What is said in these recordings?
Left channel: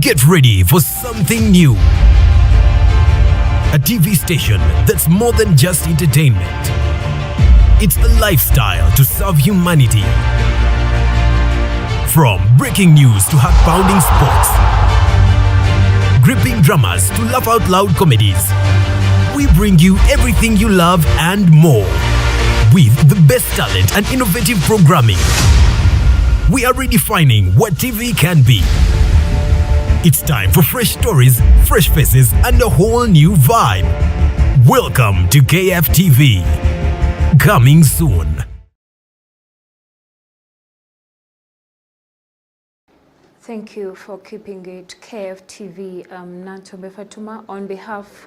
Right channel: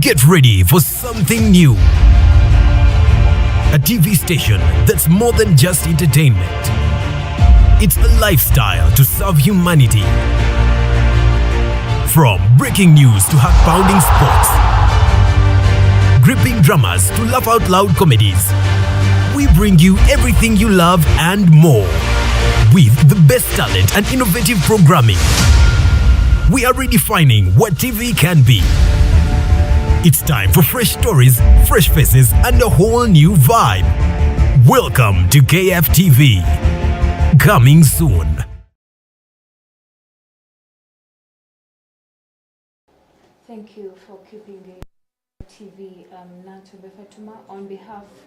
Get ready for something new. A TV station that's more than just entertainment. It's a lifestyle to serve humanity. From breaking news to heart-pounding sports, gripping dramas to laugh-out-loud comedies, we bring you everything you love and more. With the best talent and innovative programming, we are redefining what TV can be. It's time for fresh stories, fresh faces, and a whole new vibe. Welcome to KFTV. Coming soon. Thank you for keeping it KFTV. Nantombe Fatuma on behalf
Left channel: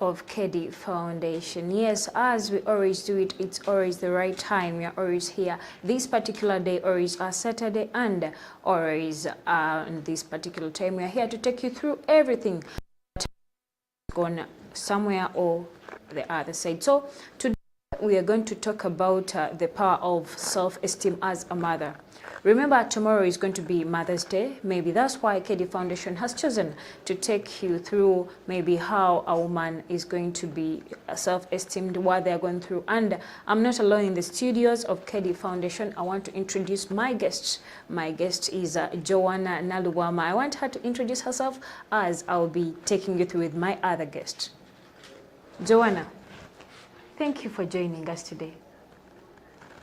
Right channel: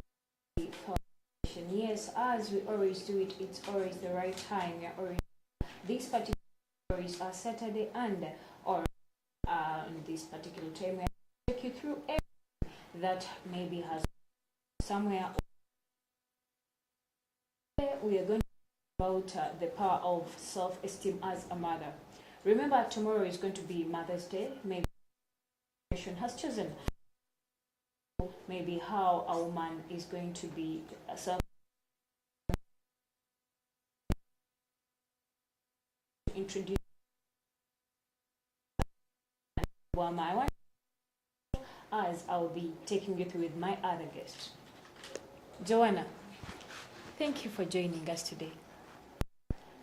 of KD Foundation. Yes, as we always do it, it's always the right time. We are always here. This particular day, always a Saturday, and always on this particular time, we are here to take you through everything that maybe has gone somewhere or the other side. So today we are going to talk about the power of self-esteem as a mother. Remember, tomorrow is going to be Mother's Day. Maybe that's why KD Foundation has chosen to take you through maybe how a woman is going to be self-esteemed, what they're going through. And I'm not alone in the studios of KD Foundation. I want to introduce my guest. My guest is Joanna Naluwama. I want her to introduce herself as I'll be taking you through with my other guest. Joanna, thank you for joining us today.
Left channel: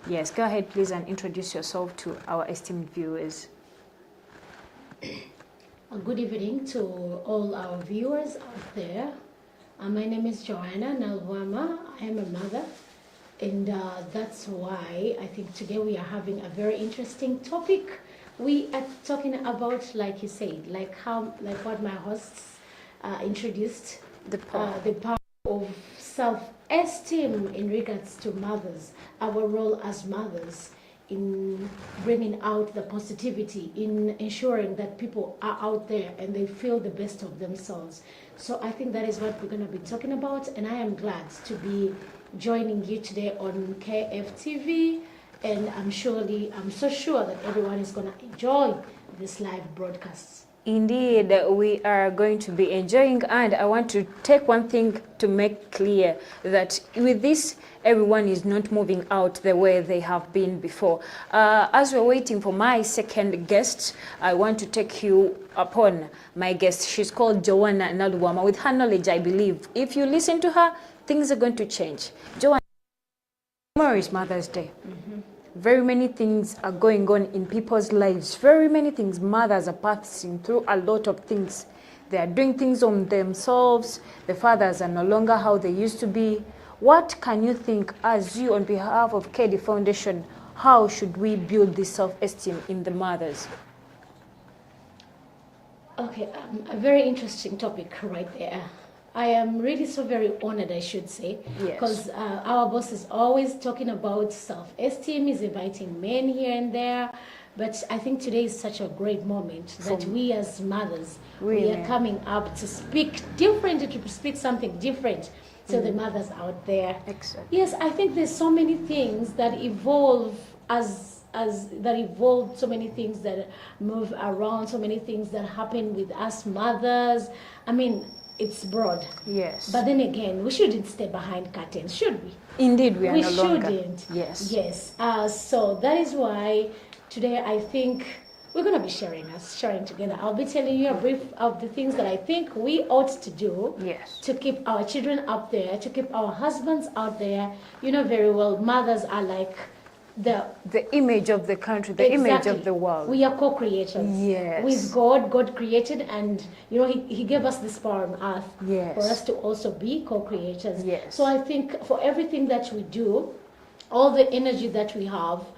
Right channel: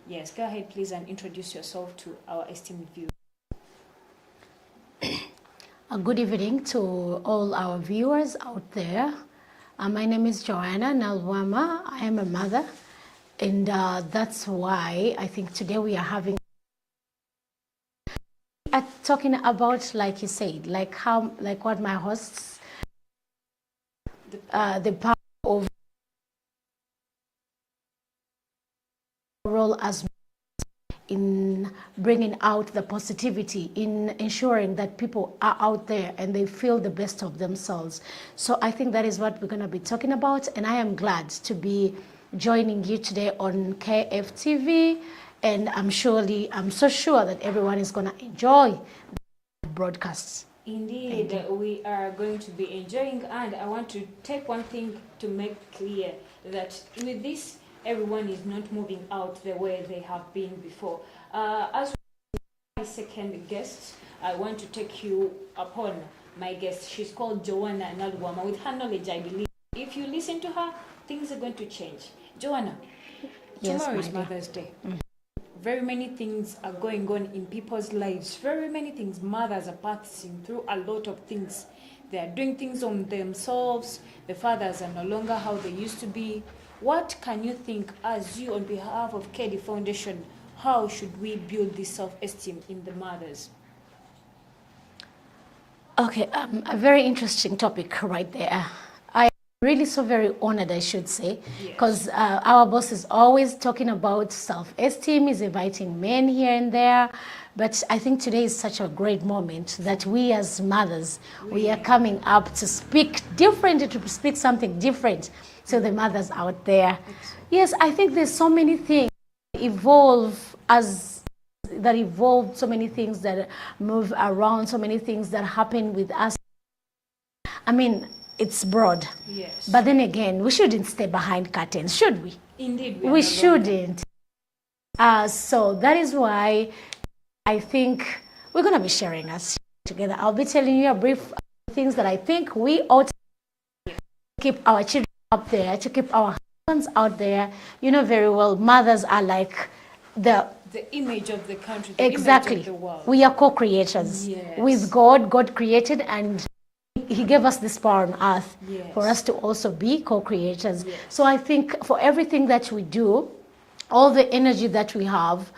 Yes, go ahead, please, and introduce yourself to our esteemed viewers. Good evening to all our viewers out there. My name is Joanna Nalwama. I am a mother, and that's why I think today we are having a very interesting topic. We are talking about, like you said, like what my hosts introduced, the power of self-esteem in regards to mothers. Our role as mothers in bringing out the positivity, in ensuring that people are out there and they feel the best of themselves. So I think that is what we're going to be talking about, and I am glad to be joining you today on KFTV, and I'm so sure that everyone is going to enjoy this live broadcast. Indeed, we are going to be enjoying, and I want to take one thing to make clear that with this, everyone is not moving out the way they have been before. As we're waiting for my second guest, I want to take you upon my guest. She's called Joanna Naluwama. With her knowledge, I believe, if you listen to her, things are going to change. Joanna, yes, tomorrow is Mother's Day. Mm-hmm. Very many things are going on in people's lives. Very many things. Mothers are passing through a lot of things. They are doing things on themselves. The fathers are no longer how they used to be. What can you think, as you on behalf of KD Foundation, how should we build this self-esteem in the mothers? Okay, a very interesting topic right there. I am really so very honored, I should say, because our boss is always talking about self-esteem, he's inviting men here and there, but I think today is such a great moment that we as mothers, we are coming up to speak different, to speak something different to the mothers out there. Exactly. Yes, I think there's so many things that evolve so many things that move around, so many things that happen with us mothers. I mean, it's broad. Yes. But then again, we shouldn't stay behind curtains, should we? Indeed, we shouldn't. Yes. Yes. So that is why today I think we're going to be sharing together. I'll be telling you a brief of the things that I think we ought to do to keep our children up there, to keep our husbands out there. You know very well, mothers are like the image of the country, the image of the world. We are co-creators with God. God created, and you know he gave us this power on earth for us to also be co-creators. So I think for everything that we do, all the energy that we have,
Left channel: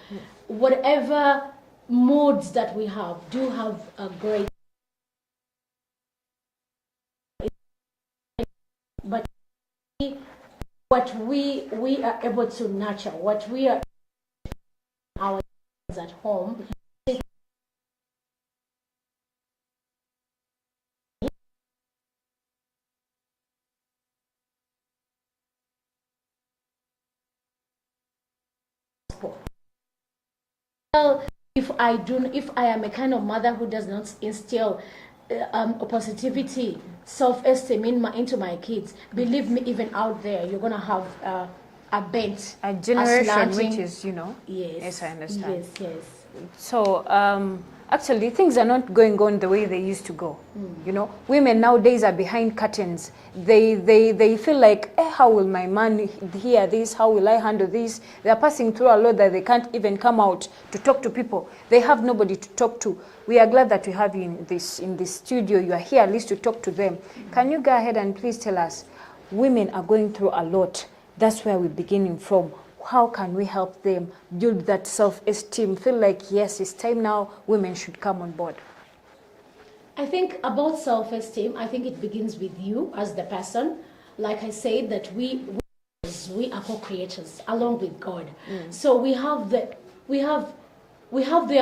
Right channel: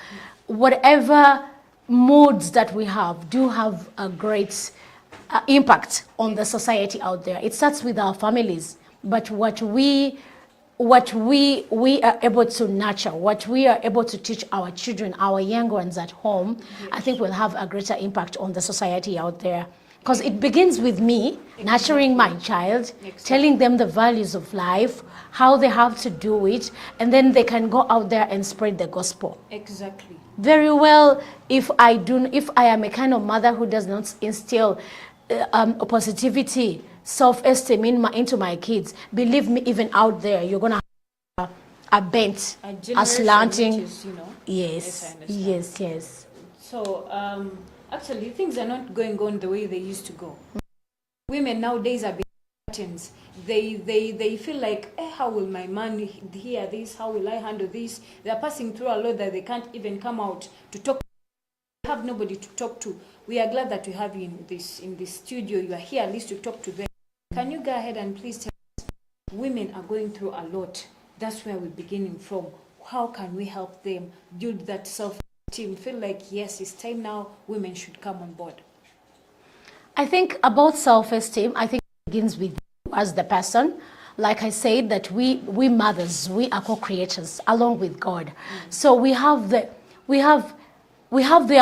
whatever moods that we have, do have a great impact on the society out there. It starts with our families, but what we are able to nurture, what we are able to teach our children, our young ones at home, I think will have a greater impact on the society out there. Because it begins with me nurturing my child, telling them the values of life, how they have to do it, and then they can go out there and spread the gospel. Very well, if I am a kind of mother who does not instill positivity, self-esteem into my kids, believe me, even out there, you're gonna have a bent, A generation slanting. which is, you know. Yes. Yes, I understand. Yes. So actually, things are not going on the way they used to go. You know, women nowadays are behind curtains. They feel like, how will my man hear this? How will I handle this? They are passing through a lot that they can't even come out to talk to people. They have nobody to talk to. We are glad that we have you in this studio. You are here at least to talk to them. Can you go ahead and please tell us, women are going through a lot. That's where we're beginning from. How can we help them build that self-esteem? Feel like, yes, it's time now, women should come on board. I think about self-esteem, I think it begins with you as the person. Like I said, that we mothers, we are co-creators along with God. So we have the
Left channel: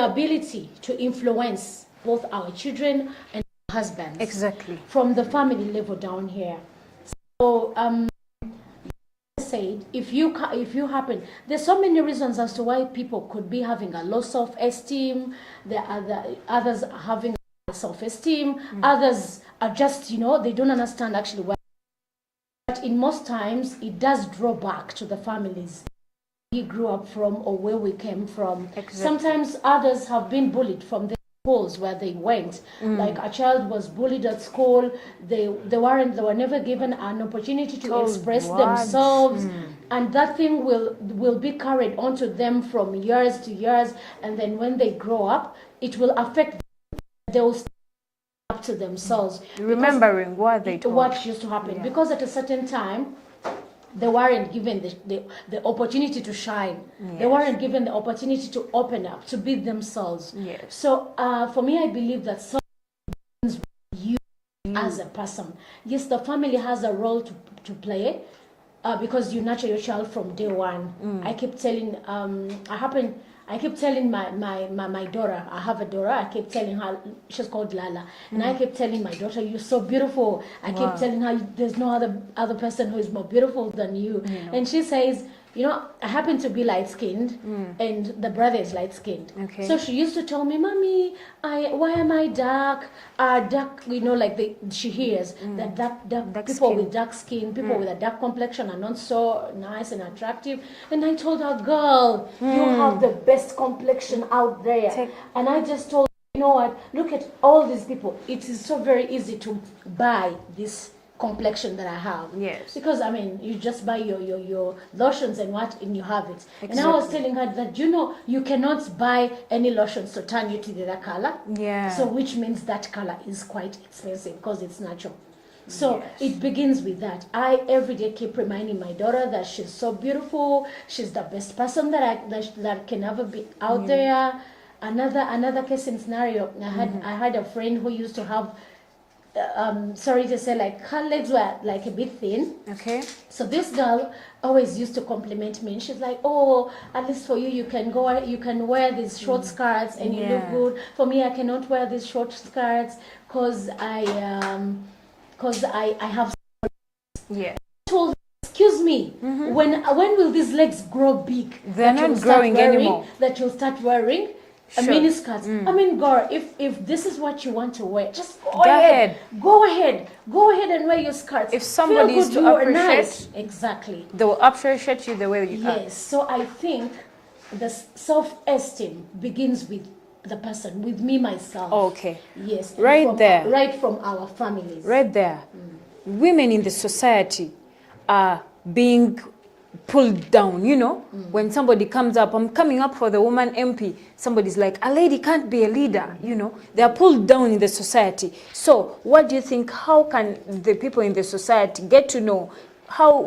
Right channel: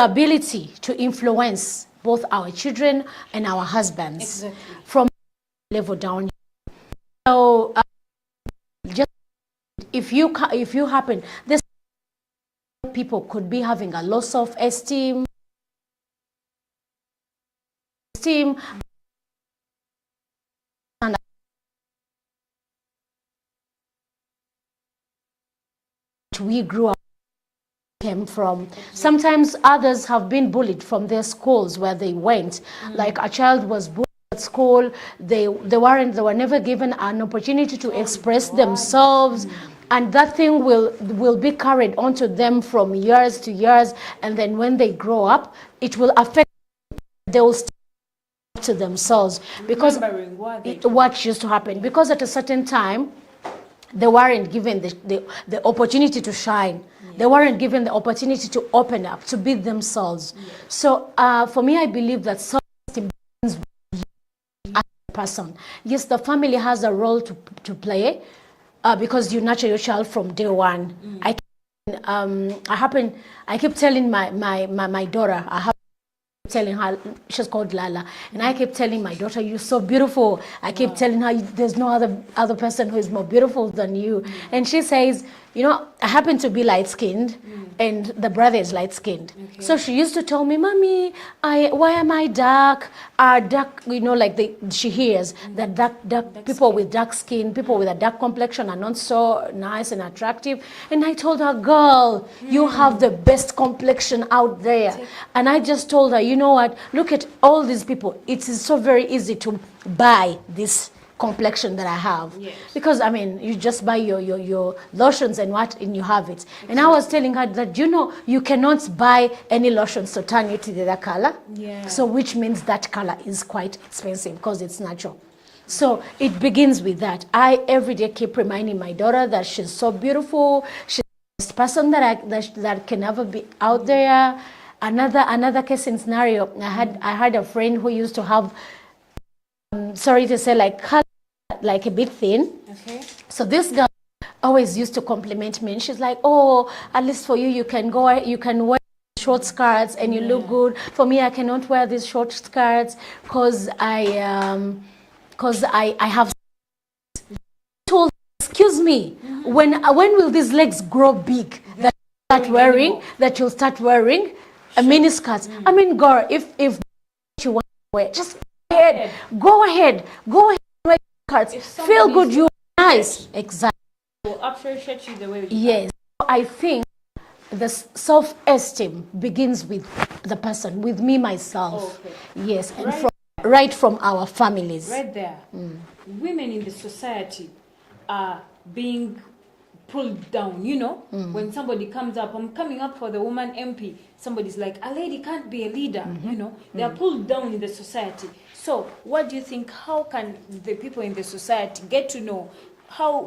ability to influence both our children and our husbands. Exactly. From the family level down here. So just said, if you happen, there's so many reasons as to why people could be having a low self-esteem. There are others are having self-esteem. Others are just, they don't understand actually why. But in most times, it does draw back to the families we grew up from or where we came from. Exactly. Sometimes others have been bullied from their schools where they went. Like a child was bullied at school. They were never given an opportunity to express themselves. And that thing will be carried onto them from years to years. And then when they grow up, it will affect them. They will stand up to themselves. Remembering what used to happen. Yeah. Because at a certain time, they weren't given the opportunity to shine. Yes. They weren't given the opportunity to open up, to be themselves. Yes. So for me, I believe that self-esteem begins with you as a person. Yes, the family has a role to play because you nurture your child from day one. I keep telling, I keep telling my daughter, I have a daughter, I keep telling her, she's called Lala, and I keep telling my daughter, you're so beautiful. I keep telling her, there's no other person who is more beautiful than you. And she says, I happen to be light-skinned, and the brother is light-skinned. Okay. So she used to tell me, Mommy, why am I dark? Dark, she hears that dark people with dark skin, people with a dark complexion are not so nice and attractive. And I told her, girl, you have the best complexion out there. And I just told her, you know what? Look at all these people. It is so very easy to buy this complexion that I have. Yes. Because you just buy your lotions and you have it. Exactly. And I was telling her that you cannot buy any lotions to turn you to the other color. Yeah. So which means that color is quite expensive because it's natural. So it begins with that. I every day keep reminding my daughter that she's so beautiful. She's the best person that can ever be out there. Another case and scenario. I had a friend who used to have. Sorry to say, her legs were like a bit thin. Okay. So this girl always used to compliment me, and she's like, "Oh, at least for you can wear these short skirts, and you look good. For me, I cannot wear these short skirts because I have." Yeah. I told her, excuse me, when will these legs grow big? They're not growing anymore. That you'll start wearing. A mini skirt. Girl, if this is what you want to wear, just go ahead. Go ahead and wear your skirts. If somebody feel good, you are nice. Exactly. They will appreciate you the way you are. Yes. So I think the self-esteem begins with the person, with me, myself. Okay. Yes. Right from our families. Right there. Women in the society are being pulled down, when somebody comes up, I'm coming up for the woman MP, somebody's like, a lady can't be a leader, they are pulled down in the society. So what do you think, how can the people in the society get to know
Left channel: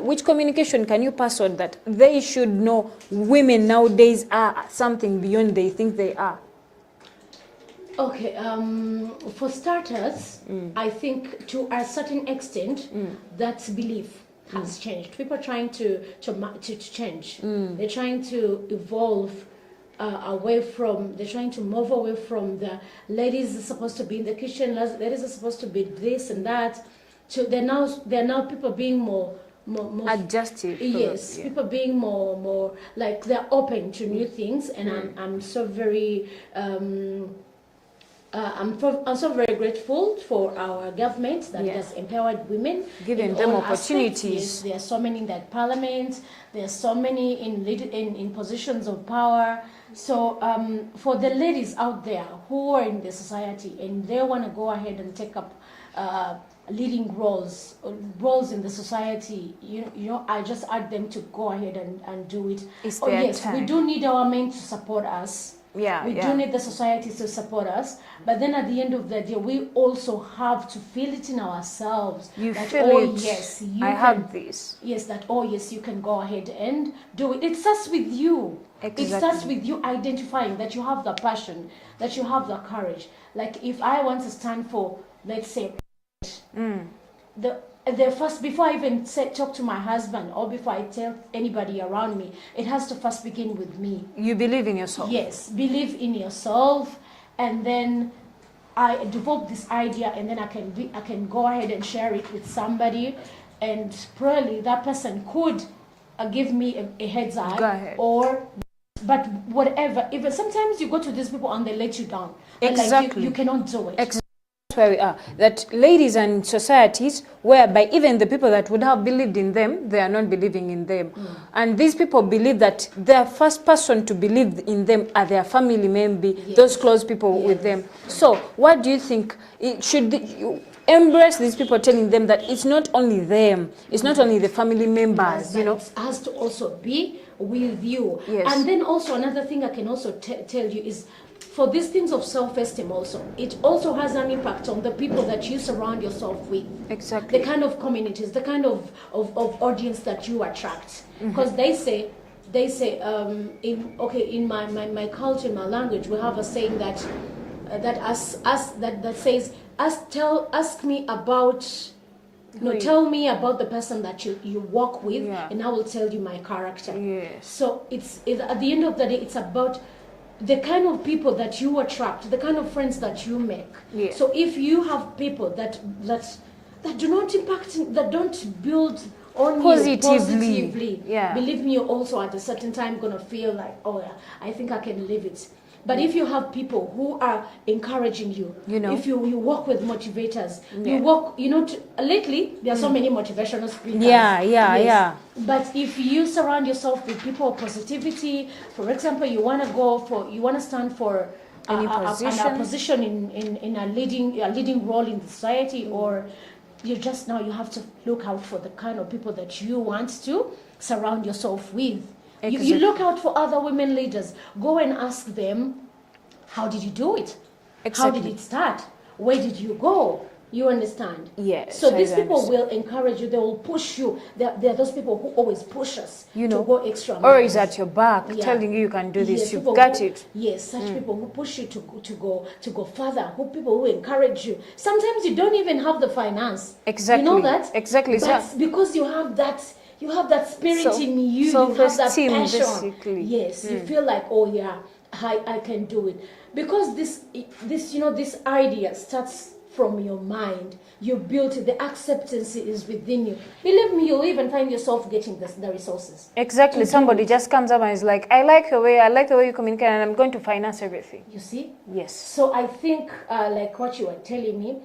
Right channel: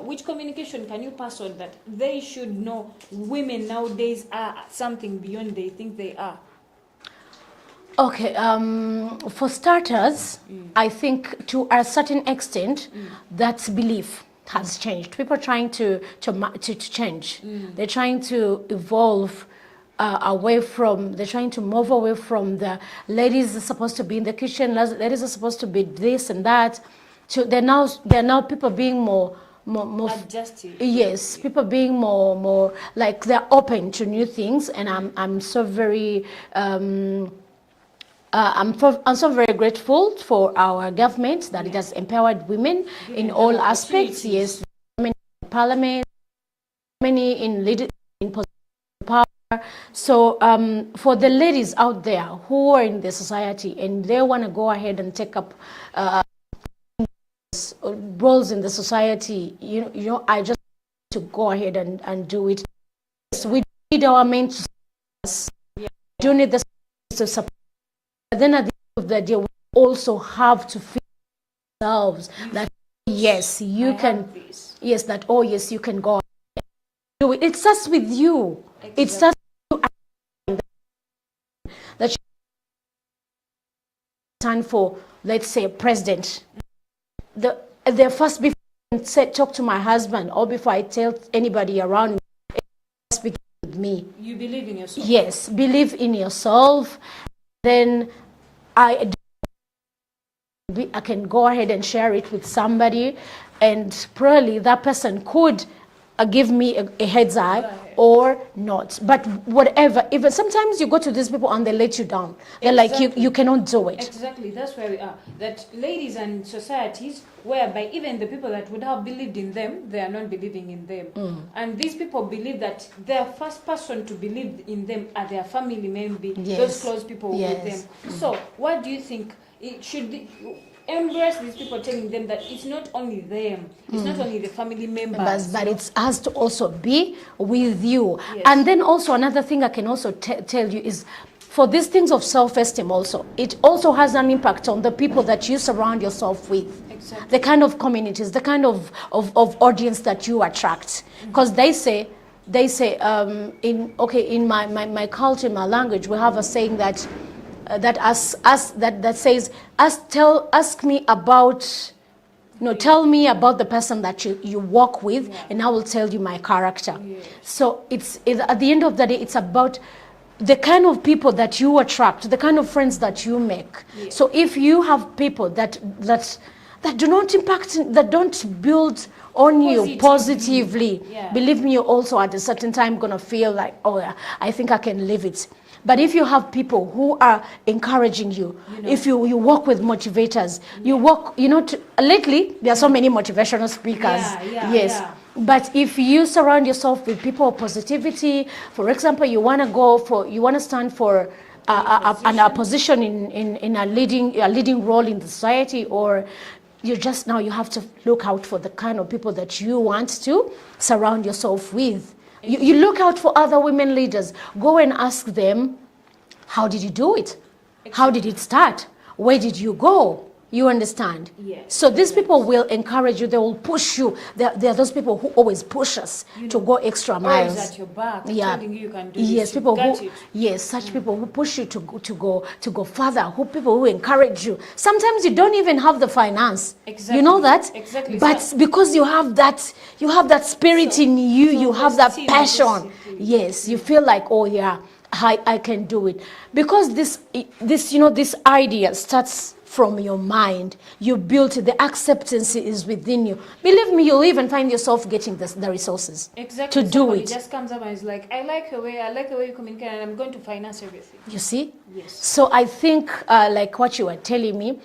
which communication can you pass on that they should know women nowadays are something beyond they think they are? Okay, for starters, I think to a certain extent, that's belief has changed. People are trying to change. They're trying to evolve they're trying to move away from the ladies are supposed to be in the kitchen, ladies are supposed to be this and that. They're now people being more adjusted. Yes, people being more like they're open to new things, and I'm so very I'm also very grateful for our government that it has empowered women Giving in them all aspects. opportunities. Yes, there are so many in that parliament. There are so many in positions of power. So for the ladies out there who are in the society and they want to go ahead and take up leading roles in the society, you know, I just urge them to go ahead and do it. It's Oh their yes, we time. do need our men to support us. Yeah, We yeah. do need the society to support us, but then at the end of the day, we also have to feel it in ourselves You that feel oh it, yes, you I can. have this. Yes, that oh yes, you can go ahead and do it. It starts with you. It Exactly. starts with you identifying that you have the passion, that you have the courage. Like if I want to stand for, let's say, president, the first, before I even talk to my husband or before I tell anybody around me, it has to first begin with me. You believe in yourself. Yes, believe in yourself, and then I develop this idea, and then I can go ahead and share it with somebody, and probably that person could give me a heads Go up ahead. or not. But whatever, even sometimes you go to these people and they let you down. They're like Exactly. you cannot do it. Exactly, that's where we are. That ladies and societies whereby even the people that would have believed in them, they are not believing in them. And these people believe that the first person to believe in them are their family members, Yes. those close people with them. Yes. So what do you think? It should be, you embrace these people telling them that it's not only them, it's not only the family members. But You know? it has to also be with you. Yes. And then also another thing I can also tell you is for these things of self-esteem also, it also has an impact on the people that you surround yourself with. Exactly. The kind of communities, the kind of audience that you attract. Because they say in my culture, my language, we have a saying that that says ask me about tell me about the person that you work with, Yeah. and I will tell you my character. Yes. So it's at the end of the day, it's about the kind of people that you attract, the kind of friends that you make. Yes. So if you have people that do not impact, that don't build on you positively, Yeah. believe me, you also at a certain time gonna feel like, oh yeah, I think I can live it. But if you have people who are encouraging you, You know. if you work with motivators, you work, lately there are so many motivational speakers. Yeah. But if you surround yourself with people of positivity, for example, you want to stand for a position in a leading role in the society, or you have to look out for the kind of people that you want to surround yourself with. You look out for other women leaders. Go and ask them, how did you do it? How did it start? Where did you go? You understand? Yes, So I these do people will encourage you. They will push you. They are those people who always push us to go extra Or miles. is at your back, telling you can do this, Yes, you've people got who, it. Yes, such people who push you to go further. People who encourage you. Sometimes you don't even have the finance. Exactly. You know that? Exactly. But because you have that spirit in you. You have that Self-esteem, passion. basically. Yes, you feel like, oh yeah, I can do it. Because this idea starts from your mind. You built it. The acceptance is within you. Believe me, you'll even find yourself getting the resources. Exactly. to do Somebody it. just comes up and is like, I like the way you communicate, and I'm going to finance everything. You see? Yes. So I think, like what you were telling me,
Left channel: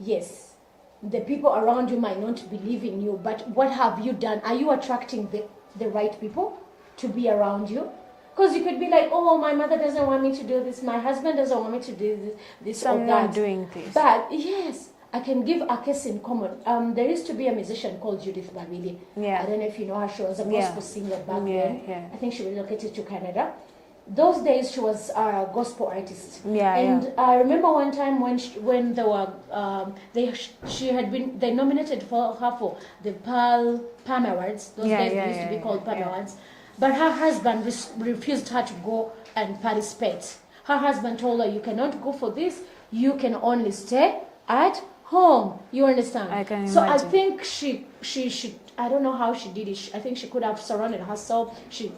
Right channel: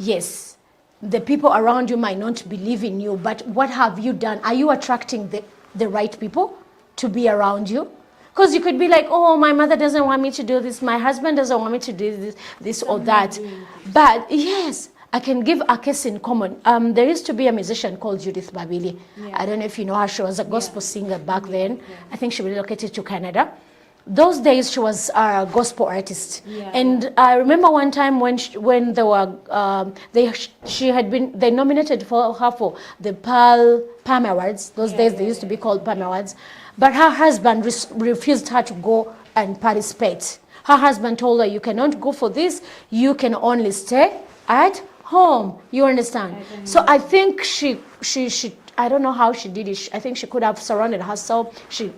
yes, the people around you might not believe in you, but what have you done? Are you attracting the right people to be around you? Because you could be like, oh, my mother doesn't want me to do this, my husband doesn't want me to do this So or I'm that. not doing this. But yes, I can give a case in common. There used to be a musician called Judith Babili. Yeah. I don't know if you know her. She was a gospel singer back then. Yeah. I think she relocated to Canada. Those days she was a gospel artist. I remember one time when they were they nominated for her for the Palm Awards. Those days they used to be called Palm Awards. But her husband refused her to go and participate. Her husband told her, you cannot go for this, you can only stay at home. You understand? I can So I imagine. think she I don't know how she did it. I think she could have surrounded herself. She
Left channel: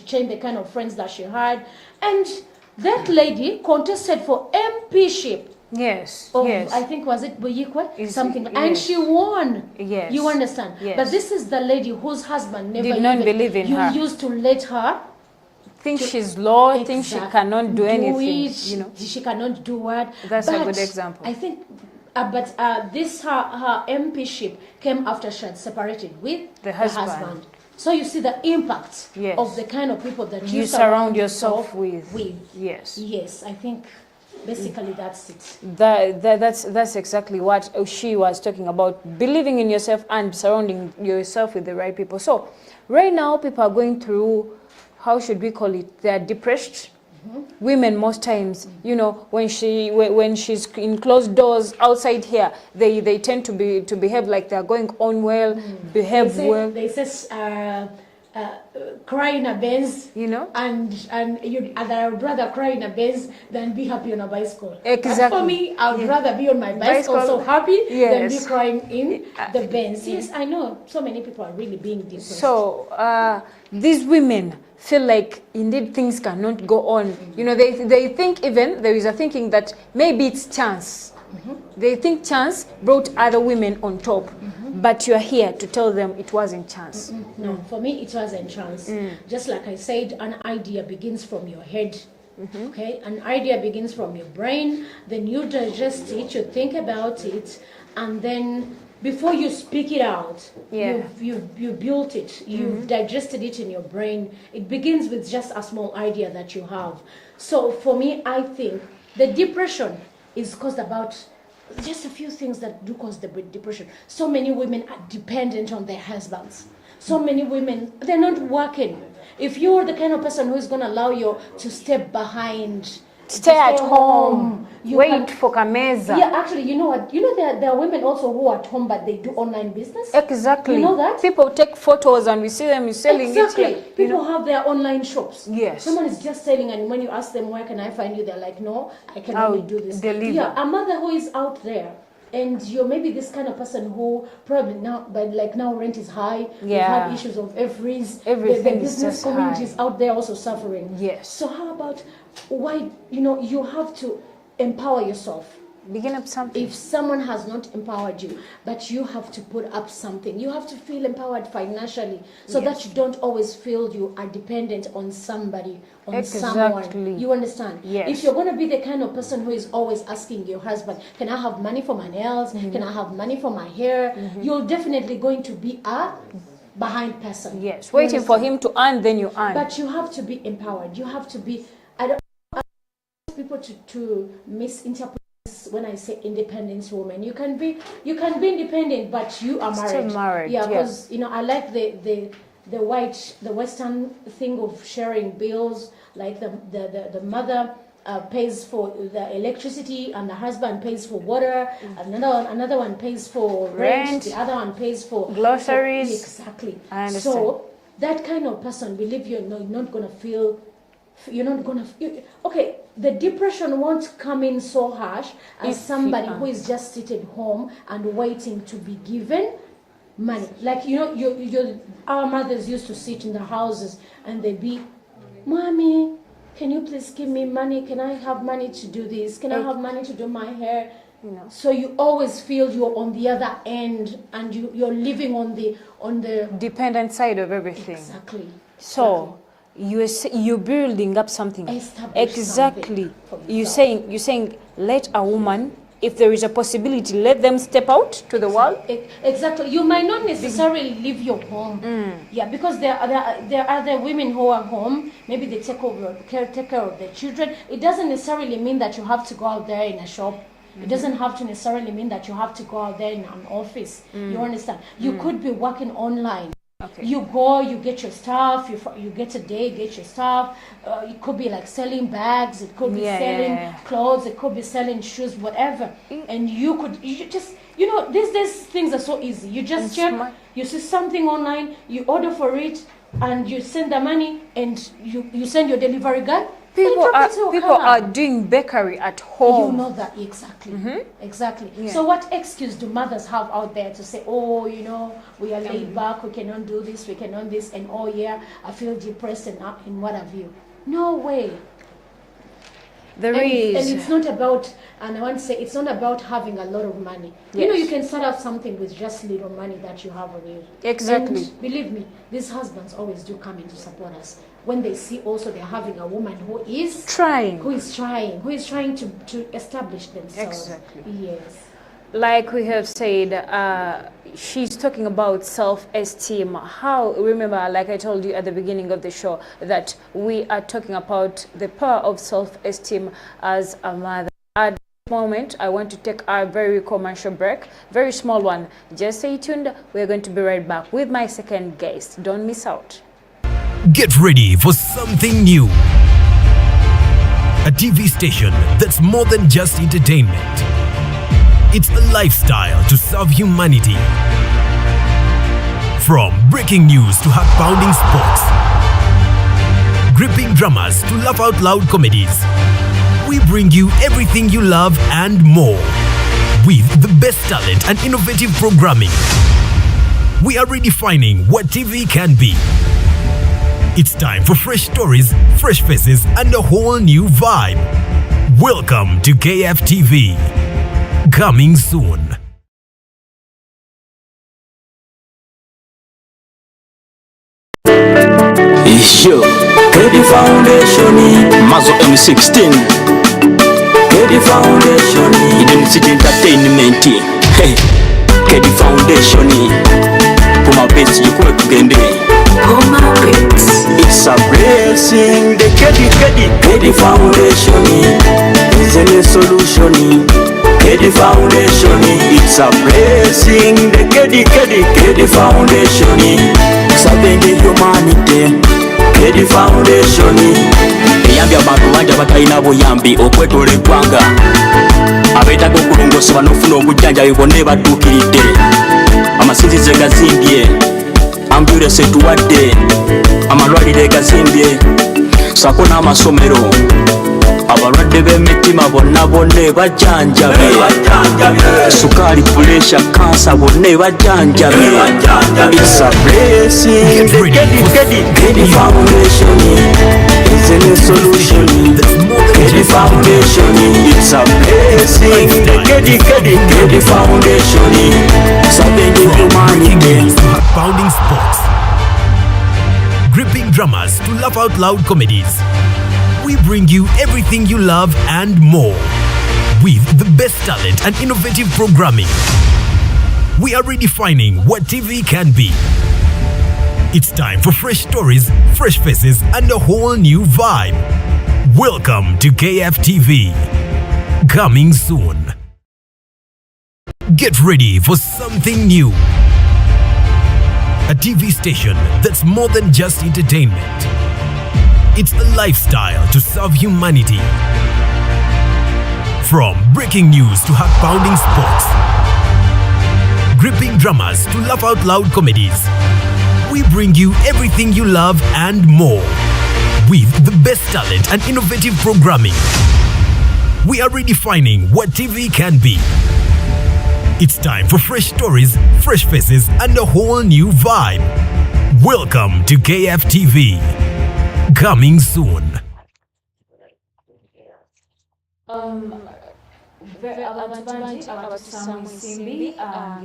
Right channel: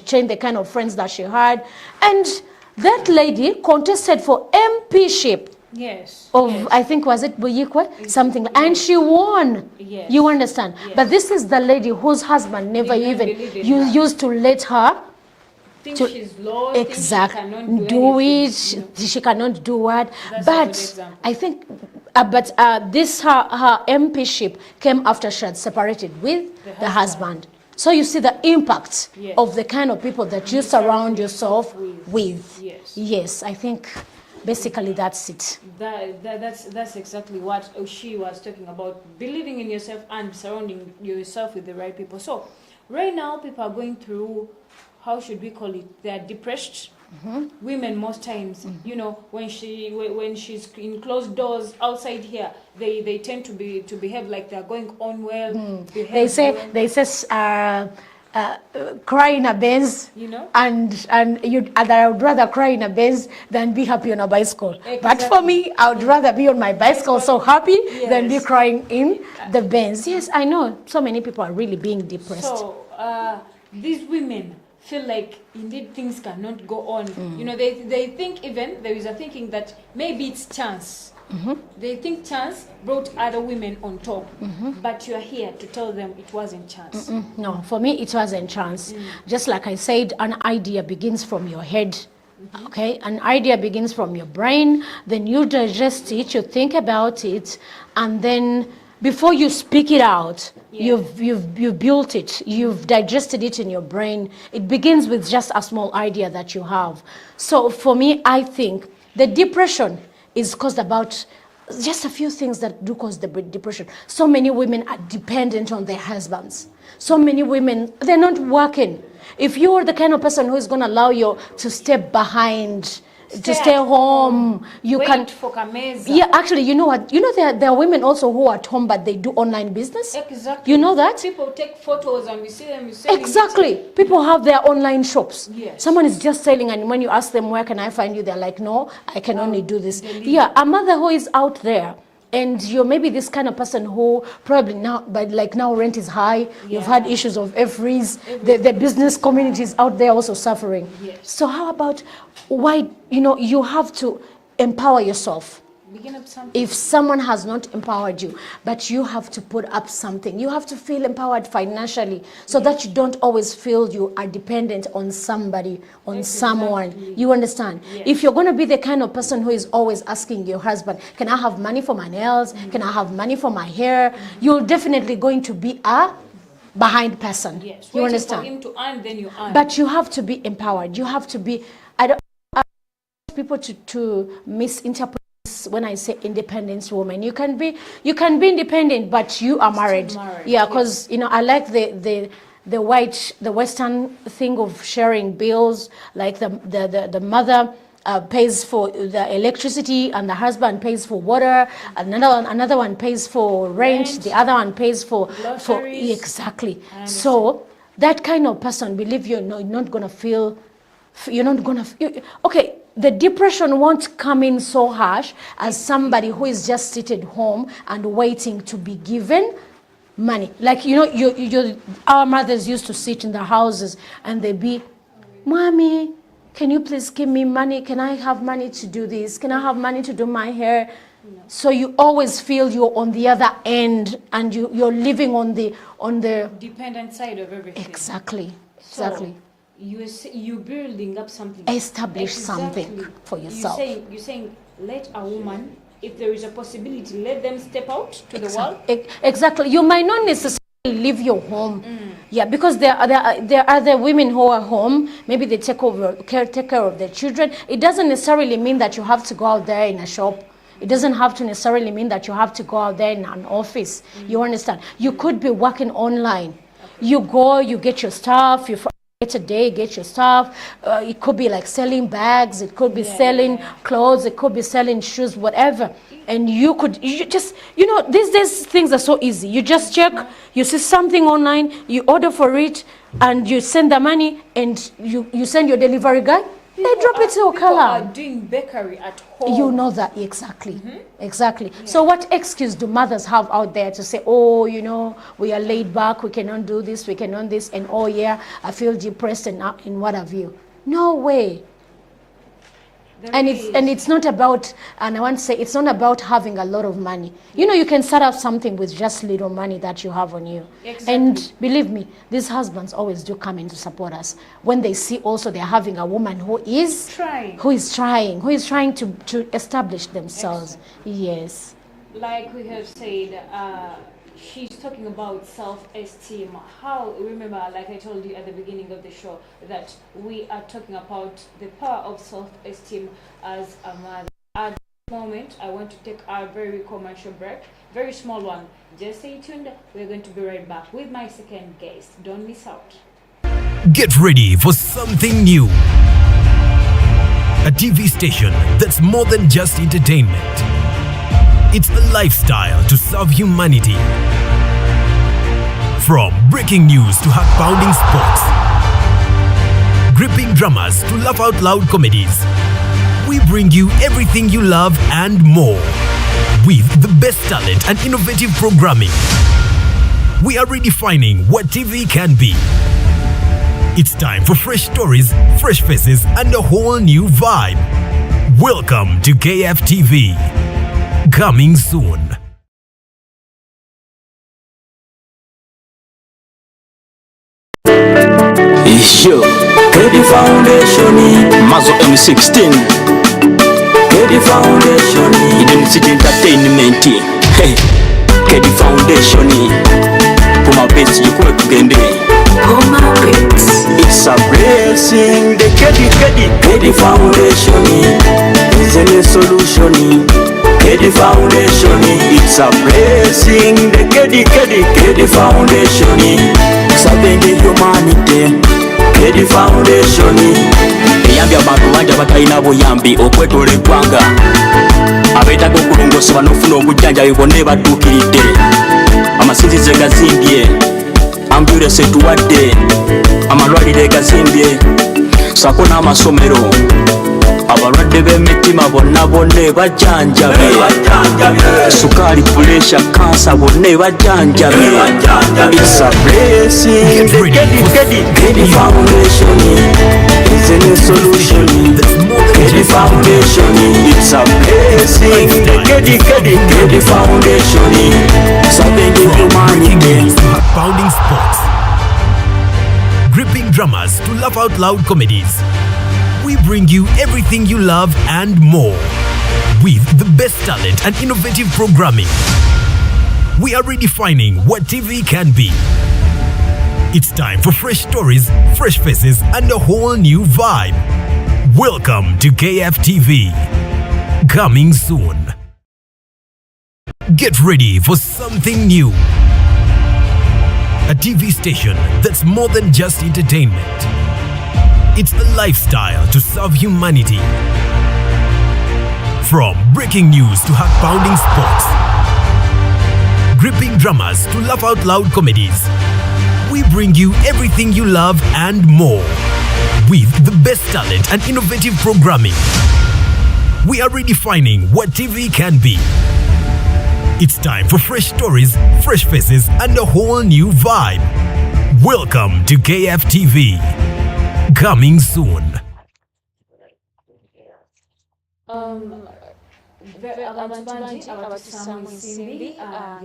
changed the kind of friends that she had. And that lady contested for MPship Yes. of, yes. I think, was it Buyikwe? Something. And yes. she won. Yes. You understand? Yes. But this is the lady whose husband never Did not even believe in her. used to let her Think she's low, think she cannot do anything. She cannot do what. That's a good example. I think, this her MPship came after she had separated with the husband. So you see the impact of the kind of people that you surround yourself with. Yes, I think basically that's it. That's exactly what she was talking about, believing in yourself and surrounding yourself with the right people. So right now people are going through, how should we call it, they're depressed. Women most times, you know, when she's in closed doors outside here, they tend to behave like they're going on well, behave well. They say cry in a Benz, you know, and I would rather cry in a Benz than be happy on a bicycle. Exactly. But for me, I would rather be on my bicycle so happy than be crying in the Benz. Yes, I know so many people are really being depressed. So these women feel like indeed things cannot go on. You know, they think, even there is a thinking that maybe it's chance. They think chance brought other women on top, but you're here to tell them it wasn't chance. No, for me it wasn't chance. Just like I said, an idea begins from your head. Okay, an idea begins from your brain, then you digest it, you think about it, and then before you speak it out, you've built it, you've digested it in your brain. It begins with just a small idea that you have. So for me, I think the depression is caused about just a few things that do cause the depression. So many women are dependent on their husbands. So many women, they're not working. If you're the kind of person who is going to allow you to step behind, to stay home, you wait for Kameza. Yeah, actually, you know what? You know there are women also who are at home, but they do online business. Exactly. You know that? People take photos and we see them selling. Exactly. People have their online shops. Yes. Someone is just selling, and when you ask them, where can I find you? They're like, no, I can only do this. Yeah, a mother who is out there, and you're maybe this kind of person who probably now, but like now rent is high. We've had issues of freeze. The business community is out there also suffering. Yes. So how about why, you have to empower yourself. Begin up something. If someone has not empowered you, but you have to put up something, you have to feel empowered financially, so that you don't always feel you are dependent on somebody, on someone. You understand? Yes. If you're going to be the kind of person who is always asking your husband, can I have money for my nails? Can I have money for my hair? You're definitely going to be a behind person. Yes. Waiting for him to earn, then you earn. But you have to be empowered. You have to be, I don't want people to misinterpret when I say independent woman. You can be independent, but you are married. Yeah, because I like the Western thing of sharing bills. Like the mother pays for the electricity, and the husband pays for water. Another one pays for rent. The other one pays for groceries. Exactly. So that kind of person, believe you're not gonna feel. You're not gonna. Okay, the depression won't come in so harsh as somebody who is just seated home and waiting to be given money. Like our mothers used to sit in the houses and they'd be, "Mommy, can you please give me money? Can I have money to do this? Can I have money to do my hair?" So you always feel you're on the other end, and you're living on the dependent side of everything. Exactly. So you're building up something. Establish something for yourself. You're saying let a woman, if there is a possibility, let them step out to the world. Exactly. You might not necessarily leave your home. Yeah, because there are other women who are home. Maybe they take care of their children. It doesn't necessarily mean that you have to go out there in a shop. It doesn't have to necessarily mean that you have to go out there in an office. You understand? You could be working online. Okay. You go, you get your stuff, you get a day, get your stuff. It could be like selling bags, it could be selling clothes, it could be selling shoes, whatever. And these days things are so easy. You just check, you see something online, you order for it, and you send the money, and you send your delivery guy. People are doing bakery at home. You know that, exactly. Exactly. Yeah. So what excuse do mothers have out there to say, oh, we are laid back, we cannot do this, we cannot this, and oh yeah, I feel depressed and what have you? No way. And it's not about, and I want to say, it's not about having a lot of money. Yes. You know, you can start up something with just little money that you have on you. Exactly. And believe me, these husbands always do come in to support us when they see also they're having a woman who is trying to establish themselves. Exactly. Yes. Like we have said, she's talking about self-esteem. How, remember, like I told you at the beginning of the show, that we are talking about the power of self-esteem as a mother. At this moment, I want to take a very commercial break, very small one. Just stay tuned. We're going to be right back with my second guest. Don't miss out. Get ready for something new. A TV station that's more than just entertainment. It's a lifestyle to serve humanity. From breaking news to heart-pounding sports, gripping dramas to laugh-out-loud comedies, we bring you everything you love and more with the best talent and innovative programming. We are redefining what TV can be. It's time for fresh stories, fresh faces, and a whole new vibe. Welcome to KFTV. Coming soon. Yo, Kedi Foundation, Mazo M16. Kedi Foundation, Identity Entertainment. Hey, Kedi Foundation, Puma Bets, you could get Puma Bets. It's a blessing. The Kedi Foundation is a new solution. Kedi Foundation, it's a blessing. The Kedi Foundation, serving the humanity. Kedi Foundation, eyambye abantu bangi abatalina buyambi okwetoola eggwanga, abeetaaga okulongosebwa n'ofuna obujjanjabi bonna ebadduukiridde. Amasinzizo gazimbye, ambulensi etuwadde, amalwaliro gazimbye, ssaako n'amasomero. Abalwadde b'emitima bonna bajjanjabe, sukaali, puleesha, kansa bonna bajjanjabe. It's a blessing. Kedi Foundation is a new solution. Kedi Foundation, it's a blessing. Kedi Foundation, serving the humanity. Heart-pounding sports, gripping dramas to laugh-out-loud comedies, we bring you everything you love and more with the best talent and innovative programming. We are redefining what TV can be. It's time for fresh stories, fresh faces, and a whole new vibe. Welcome to KFTV. Coming soon. Get ready for something new. A TV station that's more than just entertainment. It's a lifestyle to serve humanity. From breaking news to heart-pounding sports, gripping dramas to laugh-out-loud comedies, we bring you everything you love and more with the best talent and innovative programming. We are redefining what TV can be. It's time for fresh stories, fresh faces, and a whole new vibe. Welcome to KFTV. Coming soon. Abantu bangi abatussamu ensimbi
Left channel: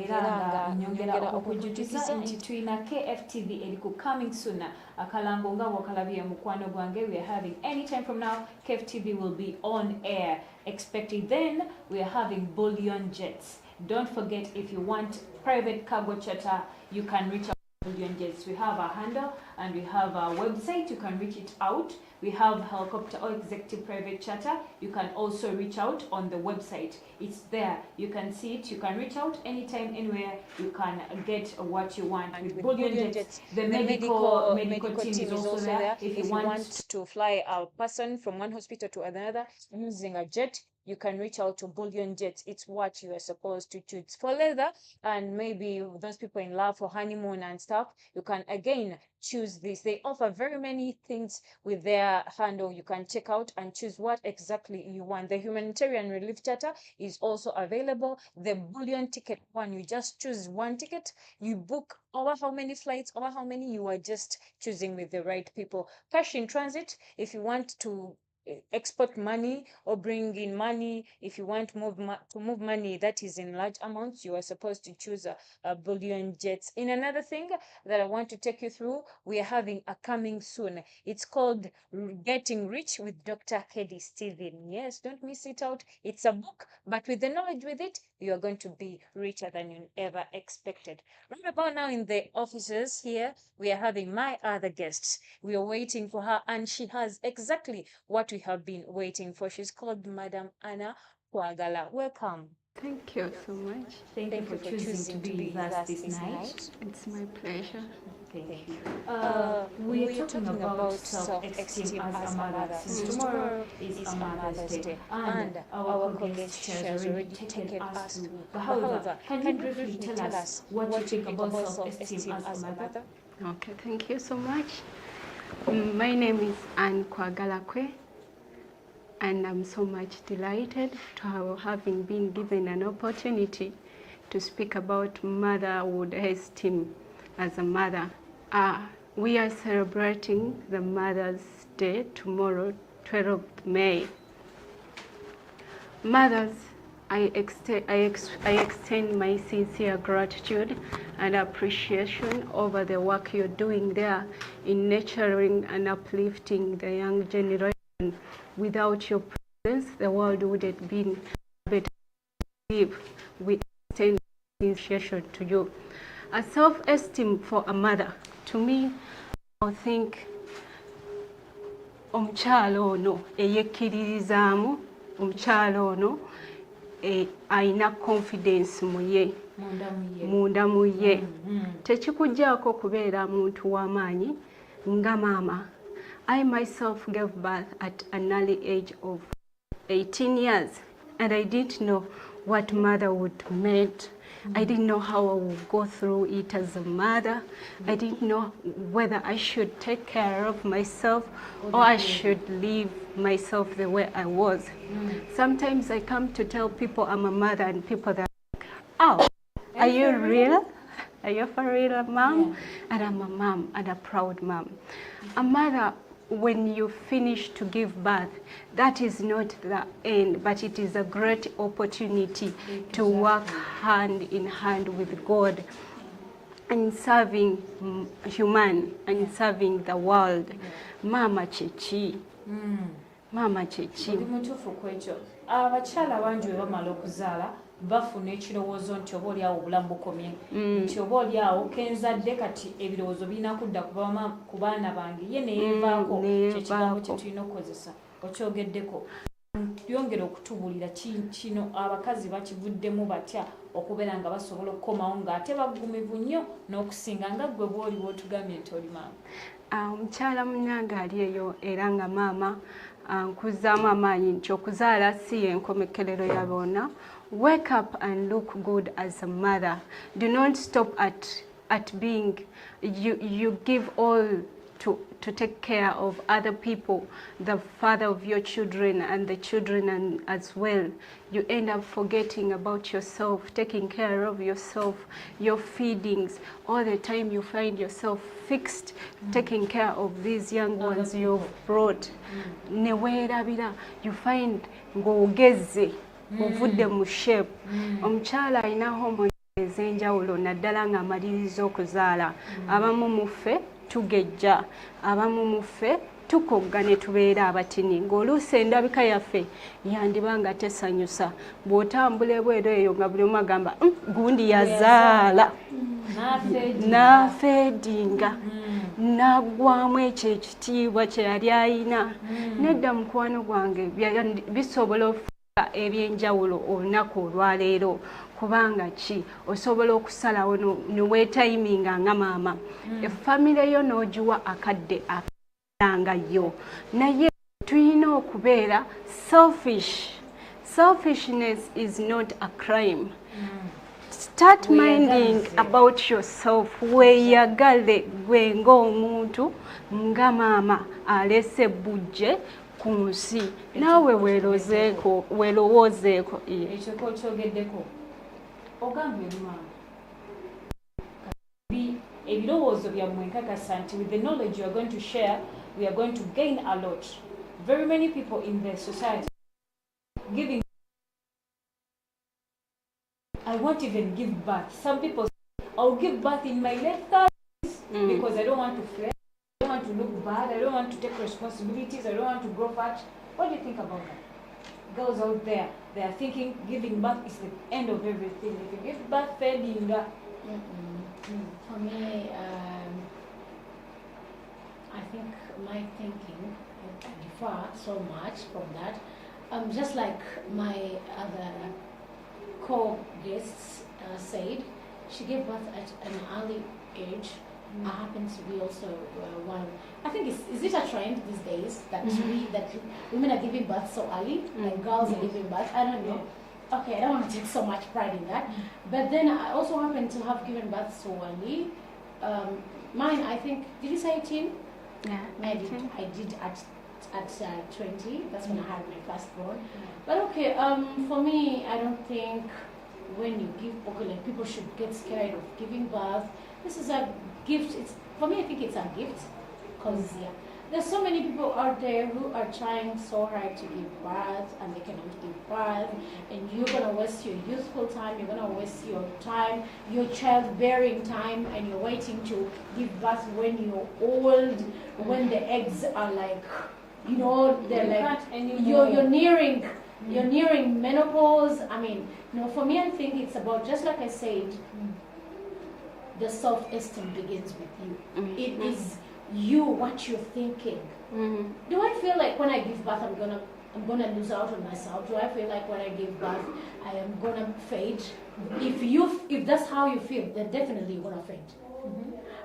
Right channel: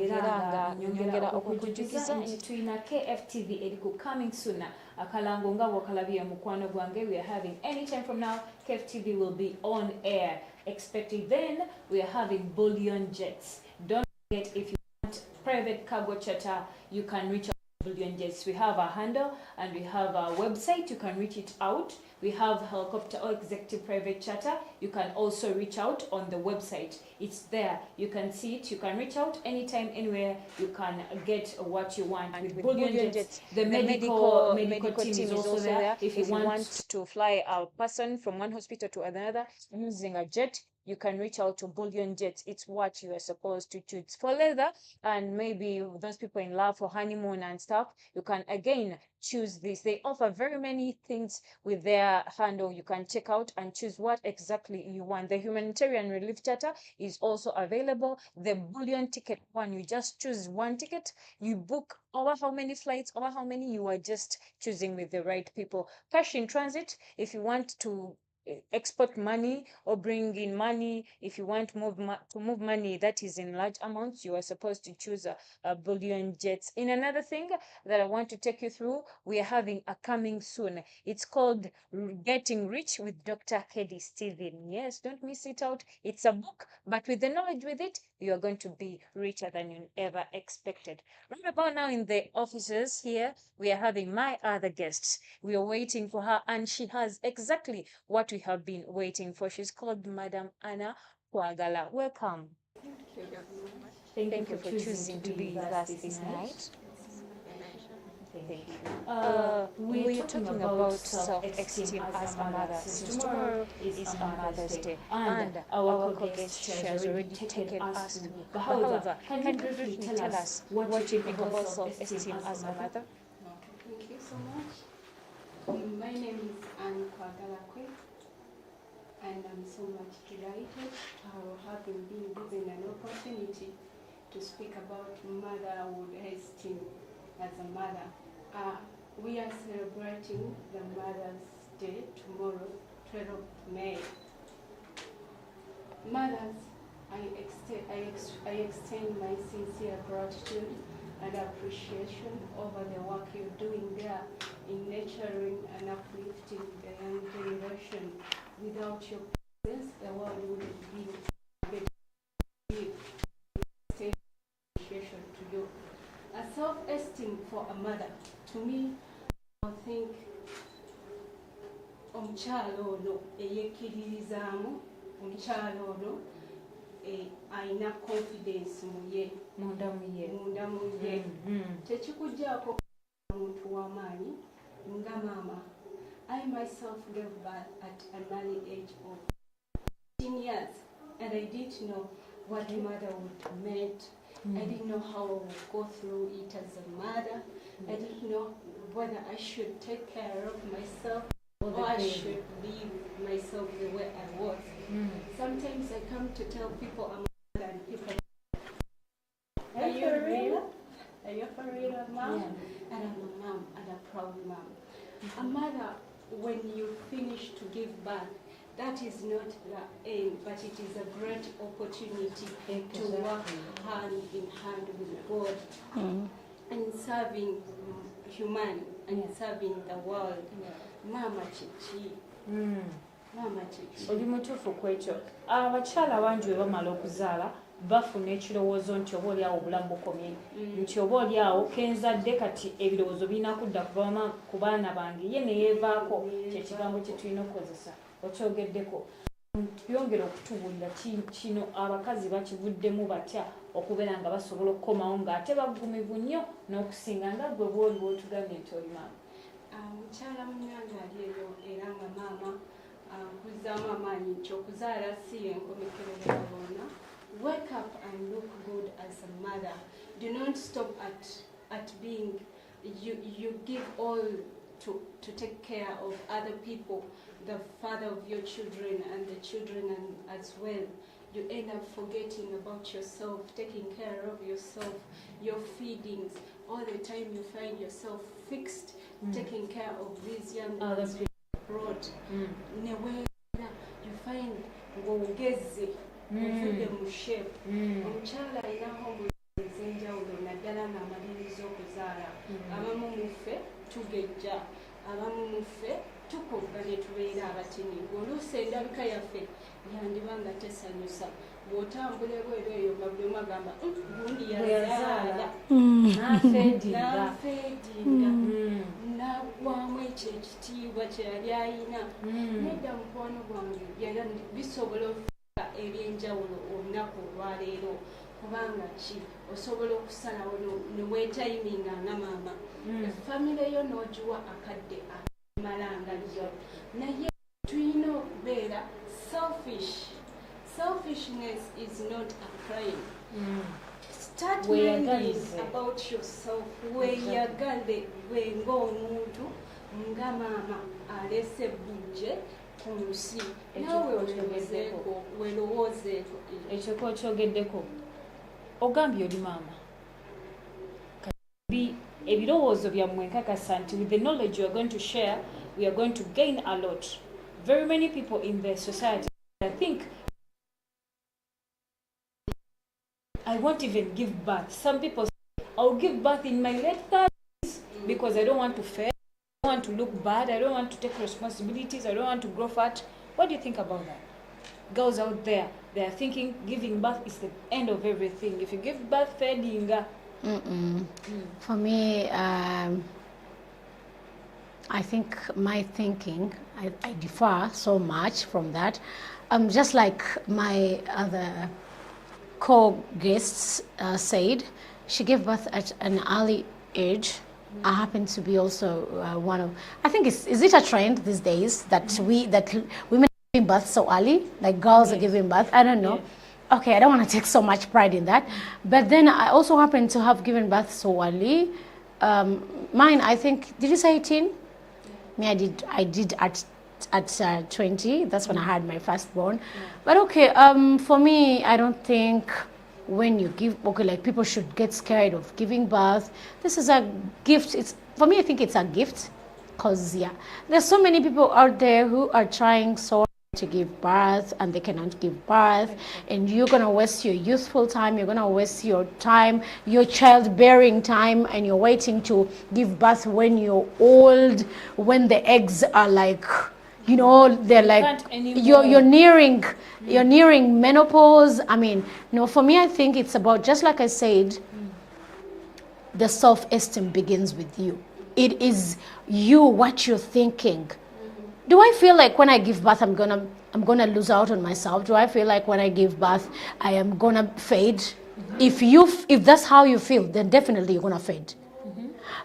era nga nyongera okujjukiza nti tulina KFTV eri ku coming soon. Akalango nga bw'okalabye mukwano gwange, we are having anytime from now KFTV will be on air. Expect it then. We are having bullion jets. Don't forget, if you want private cargo charter, you can reach out to Bullion Jets. We have a handle and we have a website. You can reach it out. We have helicopter or executive private charter. You can also reach out on the website. It's there. You can see it. You can reach out anytime, anywhere. You can get what you want. And with Bullion Jets, the medical team is also there. If you want to fly a person from one hospital to another using a jet, you can reach out to Bullion Jets. It's what you are supposed to choose. For leather, and maybe those people in love for honeymoon and stuff, you can again choose this. They offer very many things with their handle. You can check out and choose what exactly you want. The humanitarian relief charter is also available. The bullion ticket one, you just choose one ticket. You book over how many flights, over how many, you are just choosing with the right people. Cash in transit, if you want to export money or bring in money. If you want to move money that is in large amounts, you are supposed to choose a bullion jets. In another thing that I want to take you through, we are having a coming soon. It's called Getting Rich with Dr. Kedi Stephen. Yes, don't miss it out. It's a book, but with the knowledge with it, you are going to be richer than you ever expected. Right about now in the offices here, we are having my other guests. We are waiting for her, and she has exactly what we have been waiting for. She's called Madam Anna Kwagala. Welcome. Thank you so much. Thank you for choosing to be with us this night. It's my pleasure. Thank you. We are talking about self-esteem as a mother. Since tomorrow is a Mother's Day, and our co-guest she has already taken us through. However, can you briefly tell us what you think about self-esteem as a mother? Okay, thank you so much. My name is Anne Kwagalakwe, and I'm so much delighted to having been given an opportunity to speak about motherhood esteem as a mother. We are celebrating the Mother's Day tomorrow, 12th May. Mothers, I extend my sincere gratitude and appreciation over the work you're doing there in nurturing and uplifting the young generation. Without your presence, the world would have been better to live. We extend appreciation to you. A self-esteem for a mother, to me, I think omukyala ono eyekkiririzaamu, omukyala ono alina confidence mu ye, munda mu ye. Tekikuggyako kubeera muntu w'amaanyi nga maama. I myself gave birth at an early age of 18 years, and I didn't know what motherhood meant. I didn't know how I would go through it as a mother. I didn't know whether I should take care of myself or I should leave myself the way I was. Sometimes I come to tell people I'm a mother, and people are like, oh, are you real? Are you for real, mom? And I'm a mom, and a proud mom. A mother, when you finish to give birth, that is not the end, but it is a great opportunity to work hand in hand with God in serving human and serving the world. Mama chechi. Mama chechi. Ndi mutuufu ku ekyo. Abakyala bangi bwe bamala okuzaala bafuna ekirowoozo nti oba oliawo obulamu bukomye, nti oba oliawo kenzadde kati ebirowoozo birina kudda ku baana bange, ye ne yeevaako. Kyekigambo kye tulina okukozesa. Okyogeddeko yongera okutubuulira kino abakazi bakivuddemu batya okubeera nga basobola okukomawo ng'ate bagumivu nnyo n'okusinga nga ggwe bw'oli bw'otugambye nti oli maama. Omukyala munnange ali eyo era nga maama nkuzaamu amaanyi nti okuzaala si y'enkomekerero ya bonna. Wake up and look good as a mother. Do not stop at being, you give all to take care of other people, the father of your children and the children as well. You end up forgetting about yourself, taking care of yourself, your feedings. All the time you find yourself fixed, taking care of these young ones you've brought. Neweerabira, you find ng'ogezze, ovudde mu shape. Omukyala alina hormones ez'enjawulo naddala ng'amaliriza okuzaala. Abamu muffe tugejja, abamu muffe tukogga ne tubeera abatini, ng'oluusi endabika yaffe yandiba nga tesanyusa. Bw'otambula ebweru eyo nga buli omu agamba gundi yazaala, n'afeedinga, n'aggwamu ekyo ekitiibwa kye yali ayina. Nedda mukwano gwange bisobola okufuuka ebyenjawulo olunaku olwaleero. Kubanga ki osobola okusalawo neweetayiminga nga maama. Effamire yo n'ogiwa akadde akamalanga yo. Naye tulina okubeera selfish. Selfishness is not a crime. Start minding about yourself. Weeyagale gwe ng'omuntu nga maama alese bujje ku nsi. Naawe weerowoozeeko. Ekyo kyogeddeko. Ogambye oli maama. Ebirowoozo byammwe nkakasa nti with the knowledge you are going to share, we are going to gain a lot. very many people in the society, I think giving, I won't even give birth. Some people say, I'll give birth in my late 30s because I don't want to fail, I don't want to look bad, I don't want to take responsibilities, I don't want to grow fat. What do you think about that? Girls out there, they are thinking giving birth is the end of everything. If you give birth failing, For me, I think my thinking, I differ so much from that. Just like my other co-guests said, she gave birth at an early age. I happen to be also one of, I think is it a trend these days that women are giving birth so early, like girls are giving birth? I don't know. Okay, I don't want to take so much pride in that. But then I also happen to have given birth so early. Mine, I think, did you say 18? Yeah, I did at 20. That's when I had my firstborn. But okay, for me, I don't think when you give, okay, like people should get scared of giving birth. This is a gift. It's, for me, I think it's a gift, because yeah, there's so many people out there who are trying so hard to give birth and they cannot give birth, and you're gonna waste your youthful time, you're gonna waste your time, your childbearing time, and you're waiting to give birth when you're old, when the eggs are like, you know, they're like, you're nearing menopause. I mean, no, for me, I think it's about, just like I said, the self-esteem begins with you. It is you, what you're thinking. Do I feel like when I give birth I'm gonna lose out on myself? Do I feel like when I give birth I am gonna fade? If that's how you feel, then definitely you're gonna fade.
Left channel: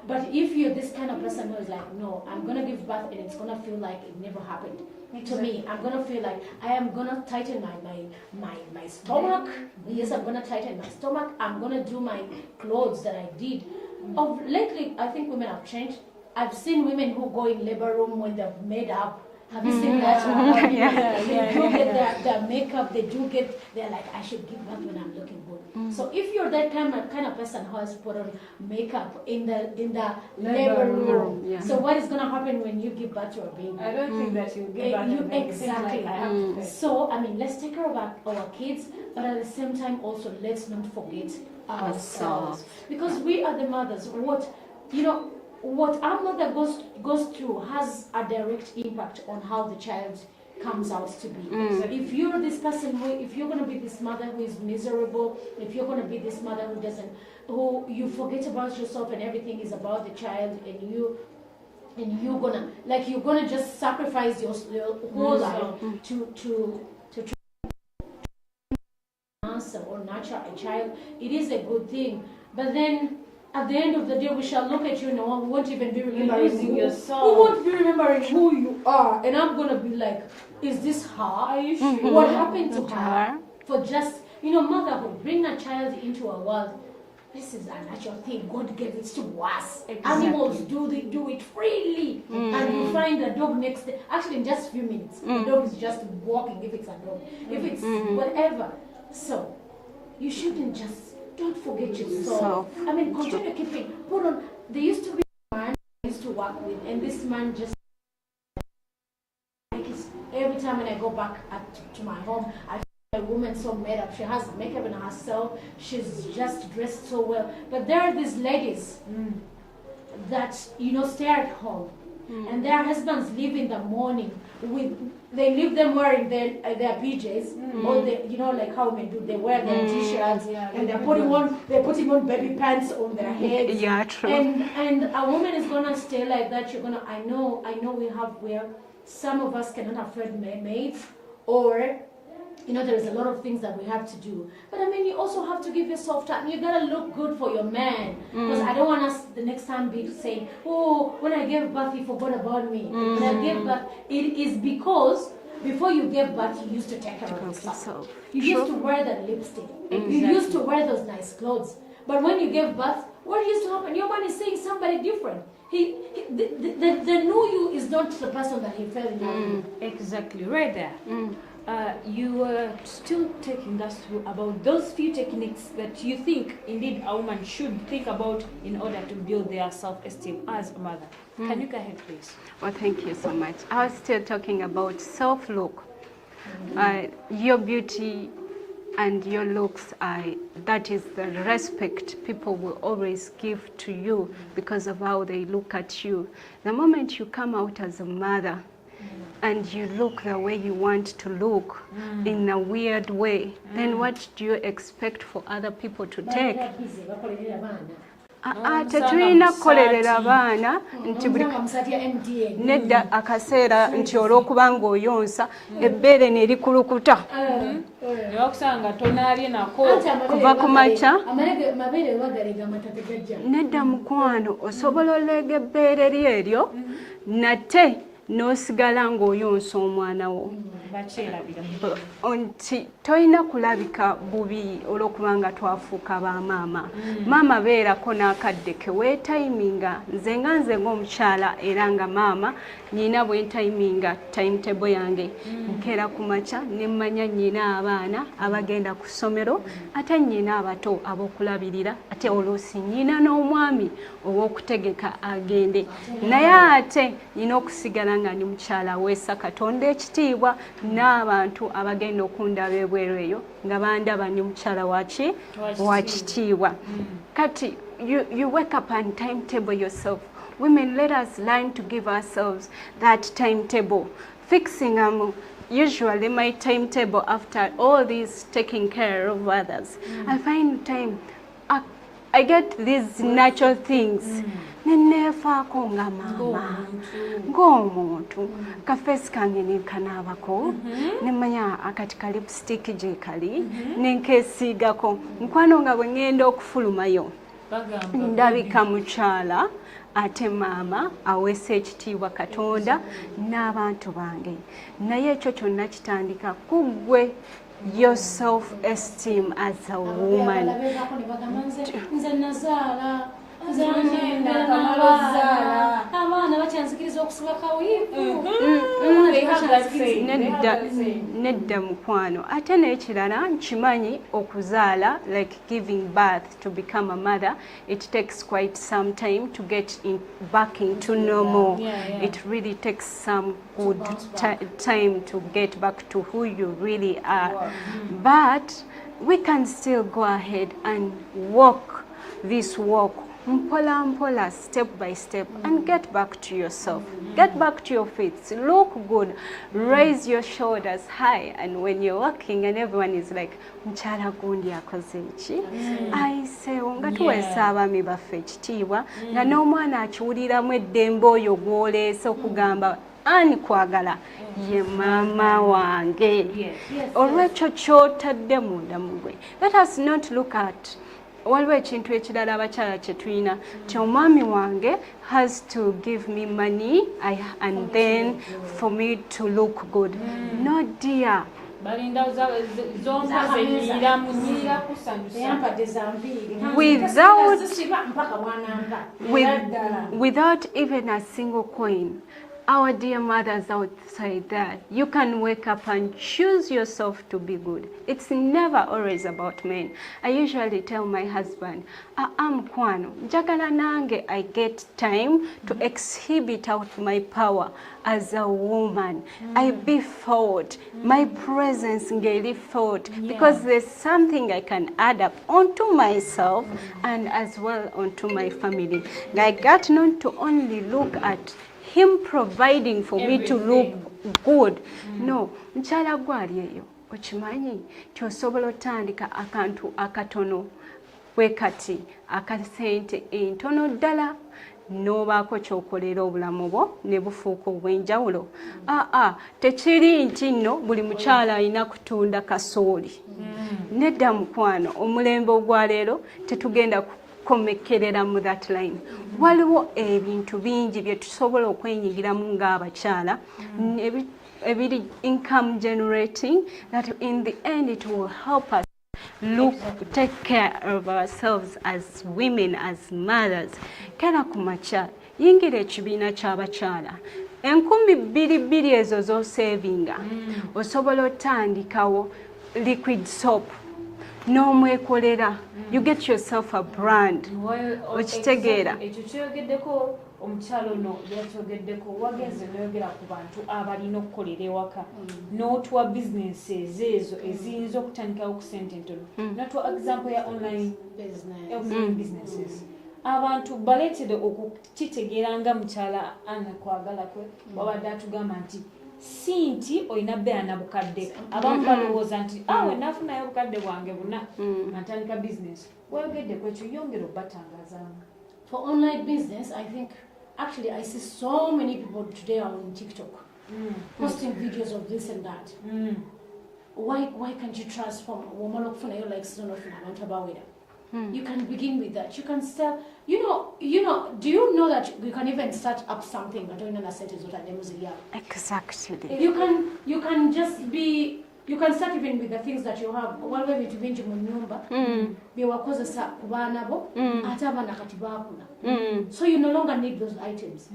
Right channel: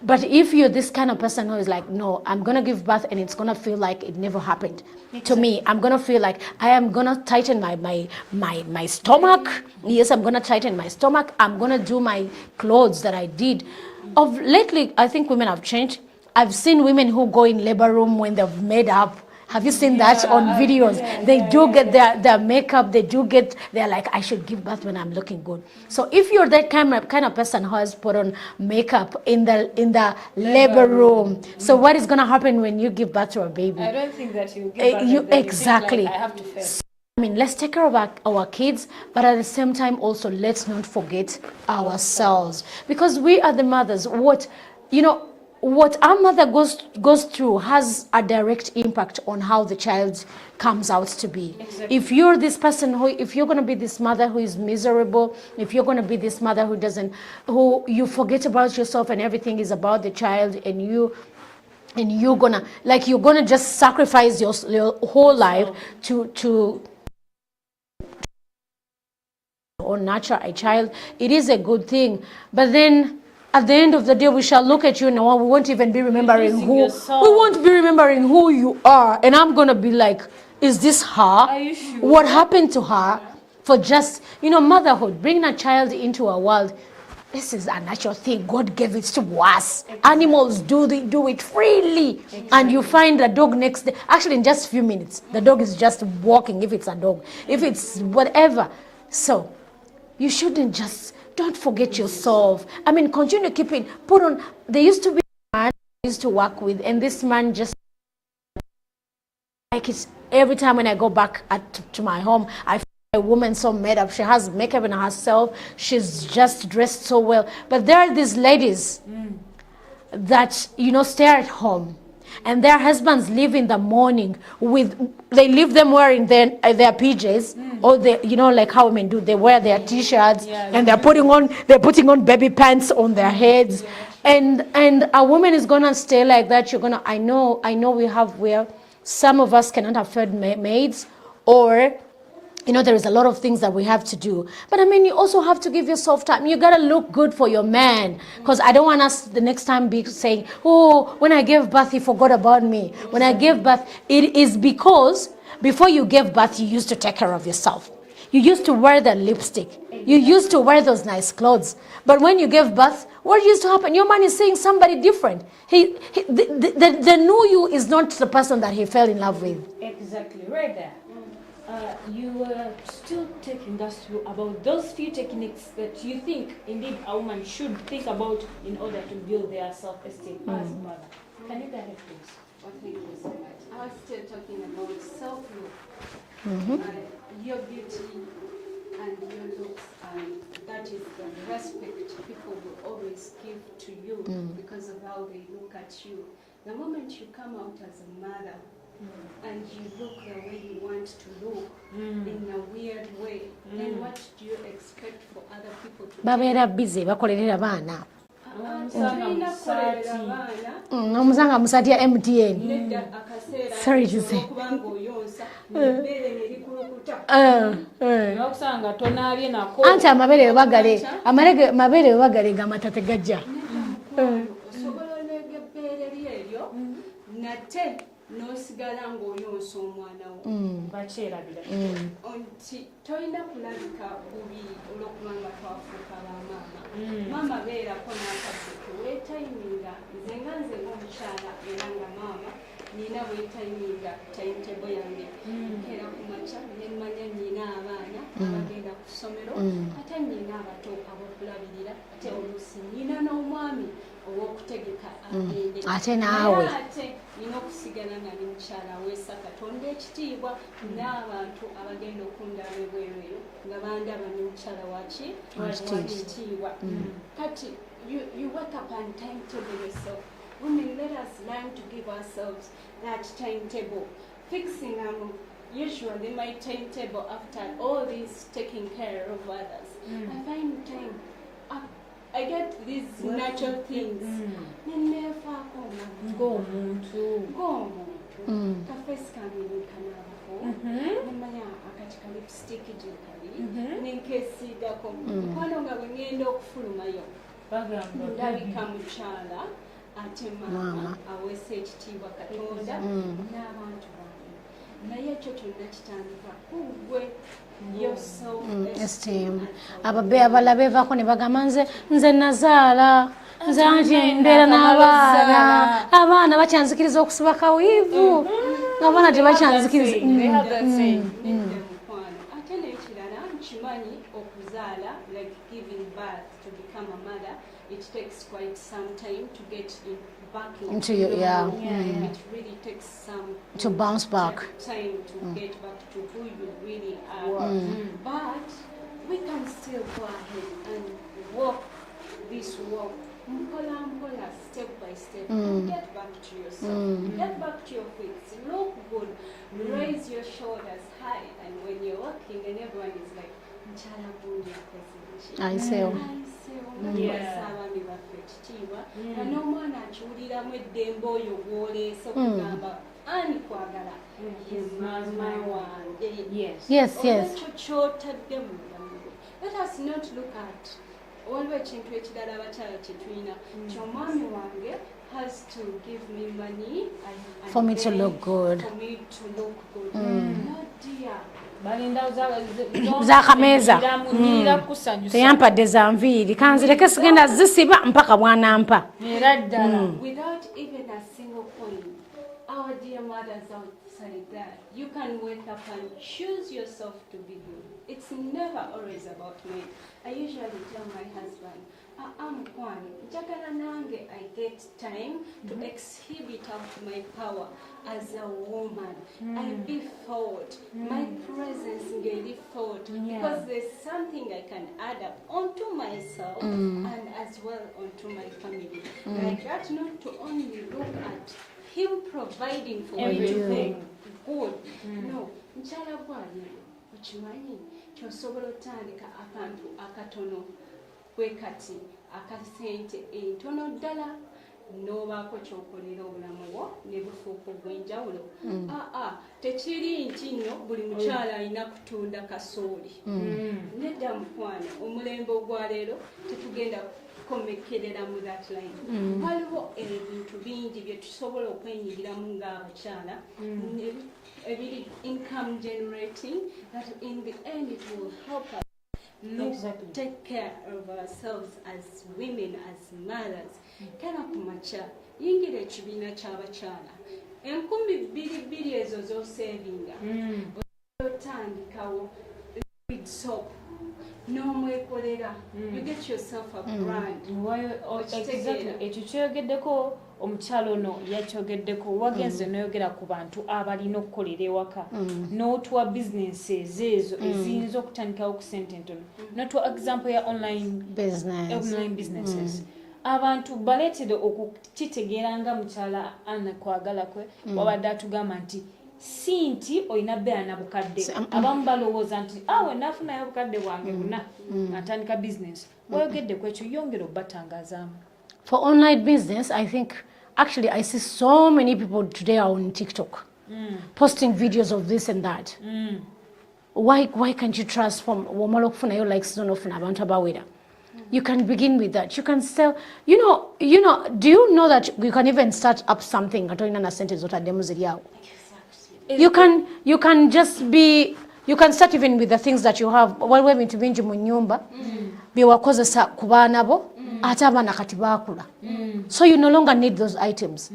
But if you're this kind of person who is like, no, I'm gonna give birth and it's gonna feel like it never happened to me. I'm gonna feel like I am gonna tighten my stomach. Yes, I'm gonna tighten my stomach. I'm gonna do my clothes that I did. Of lately, I think women have changed. I've seen women who go in labor room when they've made up. Have you seen that on videos? They do get their makeup, they're like, I should give birth when I'm looking good. So if you're that kind of person who has put on makeup in the labor room, so what is gonna happen when you give birth to a baby? I don't think that you give birth. Exactly. Like I have to fail. So, I mean, let's take care of our kids, but at the same time also, let's not forget ourselves. Because we are the mothers. What our mother goes through has a direct impact on how the child comes out to be. If you're this person if you're going to be this mother who is miserable, if you're going to be this mother who you forget about yourself and everything is about the child, and you're gonna just sacrifice your whole life to or nurture a child, it is a good thing. But then at the end of the day, we shall look at you and we won't even be remembering who you are. And I'm gonna be like, is this her? Are you sure? What happened to her? For just, motherhood, bringing a child into a world, this is a natural thing. God gave it to us. Exactly. Animals do it freely. And you find a dog next day. Actually, in just a few minutes, the dog is just walking, if it's a dog, if it's whatever. So, you shouldn't just, don't forget yourself. I mean, continue keeping, put on, there used to be a man I used to work with, and this man just, like, it's every time when I go back to my home, I feel a woman so made up. She has makeup on herself. She's just dressed so well. But there are these ladies that, stay at home. And their husbands leave in the morning they leave them wearing their PJs, or like how women do. They wear their T-shirts, and they're putting on baby pants on their heads. Yeah, true. And a woman is gonna stay like that. I know we have where some of us cannot afford maids, or there is a lot of things that we have to do. But I mean, you also have to give yourself time. You gotta look good for your man. Because I don't want us the next time be saying, oh, when I gave birth, he forgot about me. When I gave birth, it is because before you gave birth, you used to take care of yourself. You used to wear the lipstick. You used to wear those nice clothes. But when you gave birth, what used to happen? Your man is seeing somebody different. The new you is not the person that he fell in love with. Exactly, right there. You were still taking us through about those few techniques that you think indeed a woman should think about in order to build their self-esteem as a mother. Can you go ahead, please? Well, thank you so much. I was still talking about self-look. Your beauty and your looks, that is the respect people will always give to you because of how they look at you. The moment you come out as a mother, and you look the way you want to look in a weird way, then what do you expect for other people to take? Tetulina kukolerera abaana omusanga musatya MTN nedda akaseera nti olw'okuba ng'oyonsa ebbeere ne likulukuta okusanga tonaabye nako anti amabeere bagalega amata tegajja nedda mukwano osobola olega ebbeere lyeryo nate n'osigala ng'oyonsa omwana wo nti tolina kulabika bubi olw'okuba nga twafuuka ba maama maama beerako n'akadde ke weetayiminga nze ng'omukyala era nga maama nina bwentayiminga timetable yange nkeera ku makya ne mmanya nnyina abaana abagenda ku ssomero ate nnyina abato ab'okulabirira ate oluusi nnyina n'omwami ow'okutegeka agende naye ate nina okusigala nga ndi mukyala weesa Katonda ekitiibwa n'abantu abagenda okundaba ebweru eyo nga bandaba ndi mukyala wa kitiibwa kati you wake up and timetable yourself. Women, let us learn to give ourselves that timetable. Fixing usually my timetable after all this taking care of others. I find time. I get these natural things. Nenefaako nga mama. Ng'omuntu. Kafeesi kange nenkanaabako. Nemanya akati ka lipstick gye kali. Nenkeesiigako. Mukwano nga bwe ngenda okufulumayo. Ndabika mukyala. Ate maama aweesa ekitiibwa Katonda n'abantu bange naye ekyo kyonna kitandika ku ggwe your self-esteem as a woman. Abalabe baako ne bagamba nze nazaala nze anje mbeera n'abaana abaana bakyanzikiriza okusiba kawiivu abaana tebakyanzikiriza nedda mukwano ate n'ekirala nkimanyi okuzaala like giving birth to become a mother it takes quite some time to get back into normal. It really takes some to bounce back. Time to get back to who you really are. But we can still go ahead and walk this walk mpola mpola, step by step, and get back to yourself. Get back to your feet. Look good. Raise your shoulders high. And when you're walking and everyone is like, mchala gundi akoze ki? Aisewo. Nga tuweesa abaami baffe ekitiibwa. Nga n'omwana akiwuliramu eddembe oyo gw'oleese okugamba ani kwagala ye maama wange. Olwekyo ky'otadde munda mu gwe. Let us not look at waliwo ekintu ekirala abakyala kye tulina ti omwami wange has to give me money and for then for me to look good. No dear. Zakameeza teyampadde za nviiri kanzireke sigenda zisiba mpaka bwanampa. Without even a single coin. Our dear mothers outside there, you can wake up and choose yourself to be good. It's never always about men. I usually tell my husband, kwano, njagala nange I get time to exhibit out my power as a woman. I be felt, my presence ngeli felt, because there's something I can add up onto myself and as well onto my family. I got not to only look at him providing for me to look good. No, mchala gwali eyo okimanyi kyosobola otandika akantu akatono wekati akasente entono ddala n'obaako kyokolera obulamu bwo ne bufuuka obw'enjawulo. Tekiri nti nno buli mukyala alina kutunda kasooli. Nedda mukwano, omulembe ogwa leero tetugenda komekerera mu that line. Waliwo ebintu bingi bye tusobola okwenyigiramu ng'abakyala ebiri income generating that in the end it will help us take care of ourselves as women, as mothers. Kera ku makya yingira ekibiina ky'abakyala enkumi bbiri ezo z'osevinga osobola otandikawo liquid soap n'omwekolera you get yourself a brand okitegeera ekyo kyogeddeko omukyalo ono yakyogeddeko wagenze noyogera ku bantu abalina okukolera ewaka n'otuwa businesses ezo eziyinza okutandikawo ku sente ntono n'otuwa example ya online businesses abantu baleetera okukitegeera nga mukyala Anna kwagala kwe wabadde atugamba nti si nti olina beera na bukadde abamu balowooza nti awe naafunayo obukadde bwange buna natandika business wayogedde ku ekyo yongera obbatangazaamu. For online business, I think actually I see so many people today on TikTok posting videos of this and that. Why can't you transform womalokufuna like zone of abantu abawera? You can begin with that. You can sell. You know. Do you know that you can even start up something? Exactly. You can just be. You can start even with the things that you have. While we're into binji munyumba, biwakozesa kubana bo, ata abana kati bakula. So you no longer need those items.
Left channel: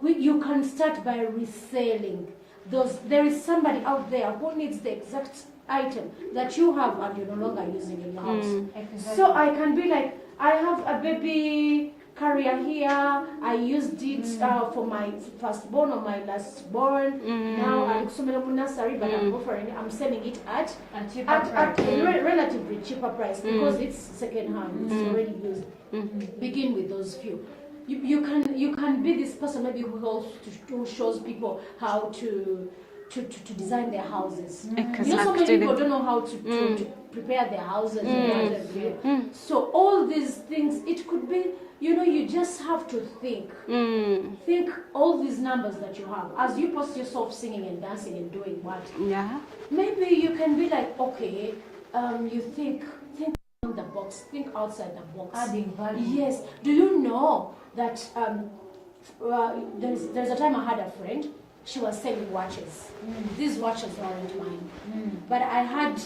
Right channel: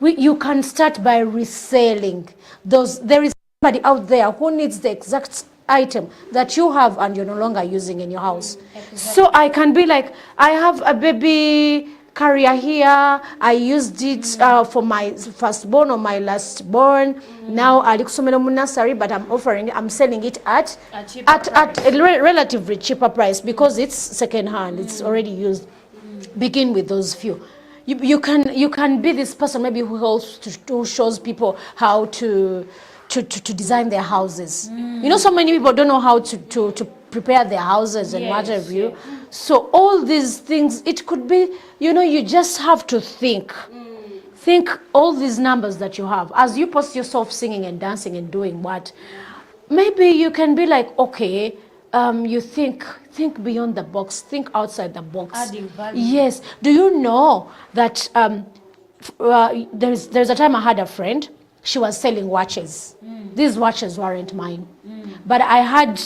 You can start by reselling those. There is somebody out there who needs the exact item that you have and you're no longer using in your house. Exactly. So I can be like, I have a baby carrier here. I used it for my firstborn or my lastborn. Now I look nursery, but I'm selling it at a relatively cheaper price because it's second hand. It's already used. Begin with those few. You can be this person maybe who shows people how to design their houses. You know, so many people don't know how to prepare their houses and what have you. So all these things, it could be, you know, you just have to think. Think all these numbers that you have. As you post yourself singing and dancing and doing what? Yeah. Maybe you can be like, okay, you think beyond the box, think outside the box. Adding value. Yes. Do you know that there's a time I had a friend. She was selling watches. These watches weren't mine, but I had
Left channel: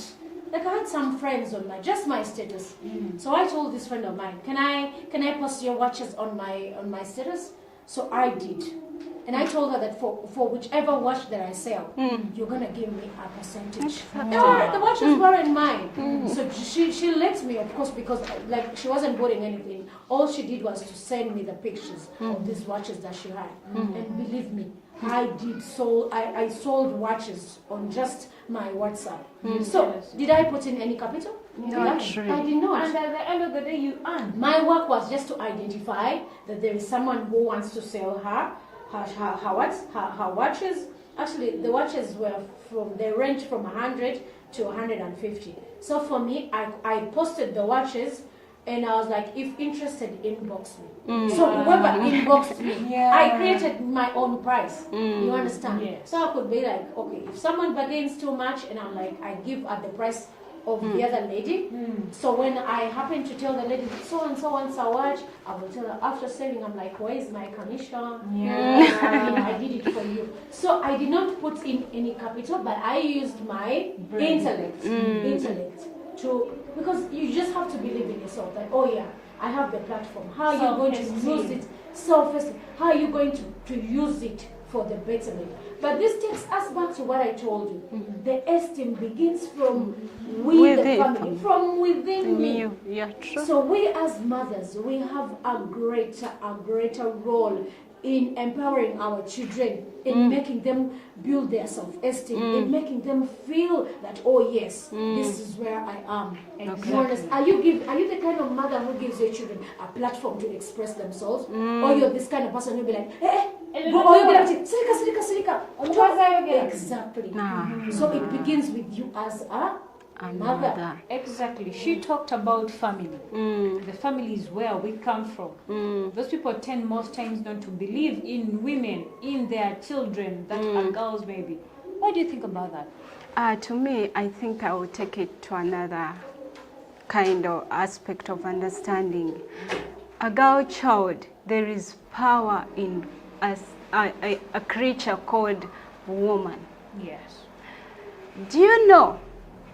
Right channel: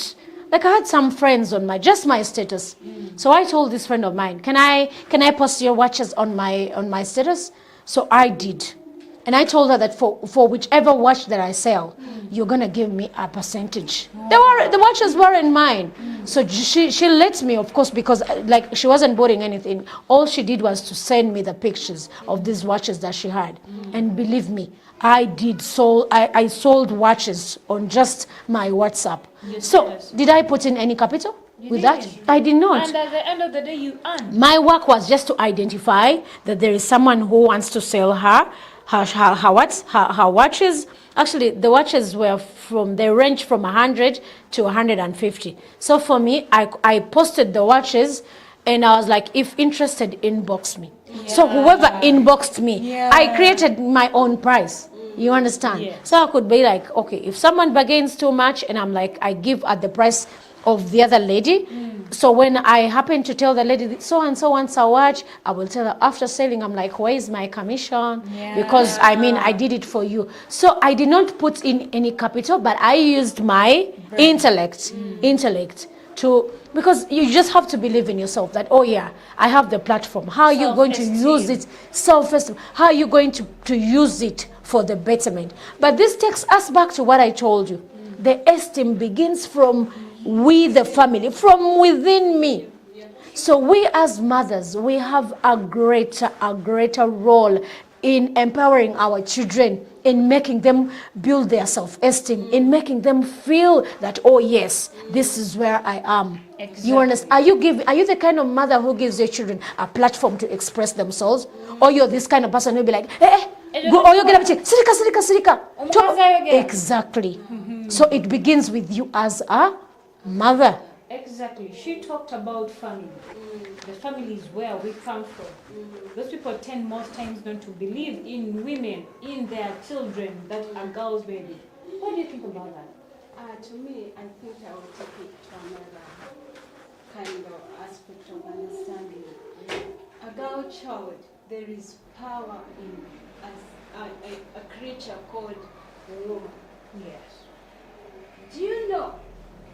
some friends on my status. So I told this friend of mine, can I post your watches on my status? So I did, and I told her that for whichever watch that I sell, you're gonna give me a percentage. The watches weren't mine, so she let me, of course, because like she wasn't buying anything. All she did was to send me the pictures of these watches that she had, and believe me, I sold watches on just my WhatsApp. So did I put in any capital with that? I did not. And at the end of the day, you earn. My work was just to identify that there is someone who wants to sell her watches. Actually, the watches they range from 100 to 150. So for me, I posted the watches. And I was like, if interested, inbox me. So whoever inboxed me, I created my own price. You understand? Yes. So I could be like, okay, if someone bargains too much, and I'm like, I give at the price of the other lady. So when I happen to tell the lady, so and so wants a watch, I will tell her after selling, I'm like, where is my commission? Because I did it for you. So I did not put in any capital, but I used my intellect to. Because you just have to believe in yourself that, oh yeah, I have the platform. How are you going to use it? Self-esteem. How are you going to use it for the betterment? But this takes us back to what I told you. The esteem begins from the family, from within me. Yeah, so we as mothers, we have a greater role in empowering our children, in making them build their self-esteem, in making them feel that, oh yes, this is where I am. Exactly. You understand? Are you the kind of mother who gives your children a platform to express themselves? Or you're this kind of person who'll be like, go, or you get up and say, sirika. Exactly. So it begins with you as a mother. Exactly. She talked about family. The family is where we come from. Those people tend most times not to believe in women, in their children that are girls' baby. What do you think about that? To me, I think I will take it to another kind of aspect of understanding. A girl child, there is power in a creature called woman. Yes. Do you know?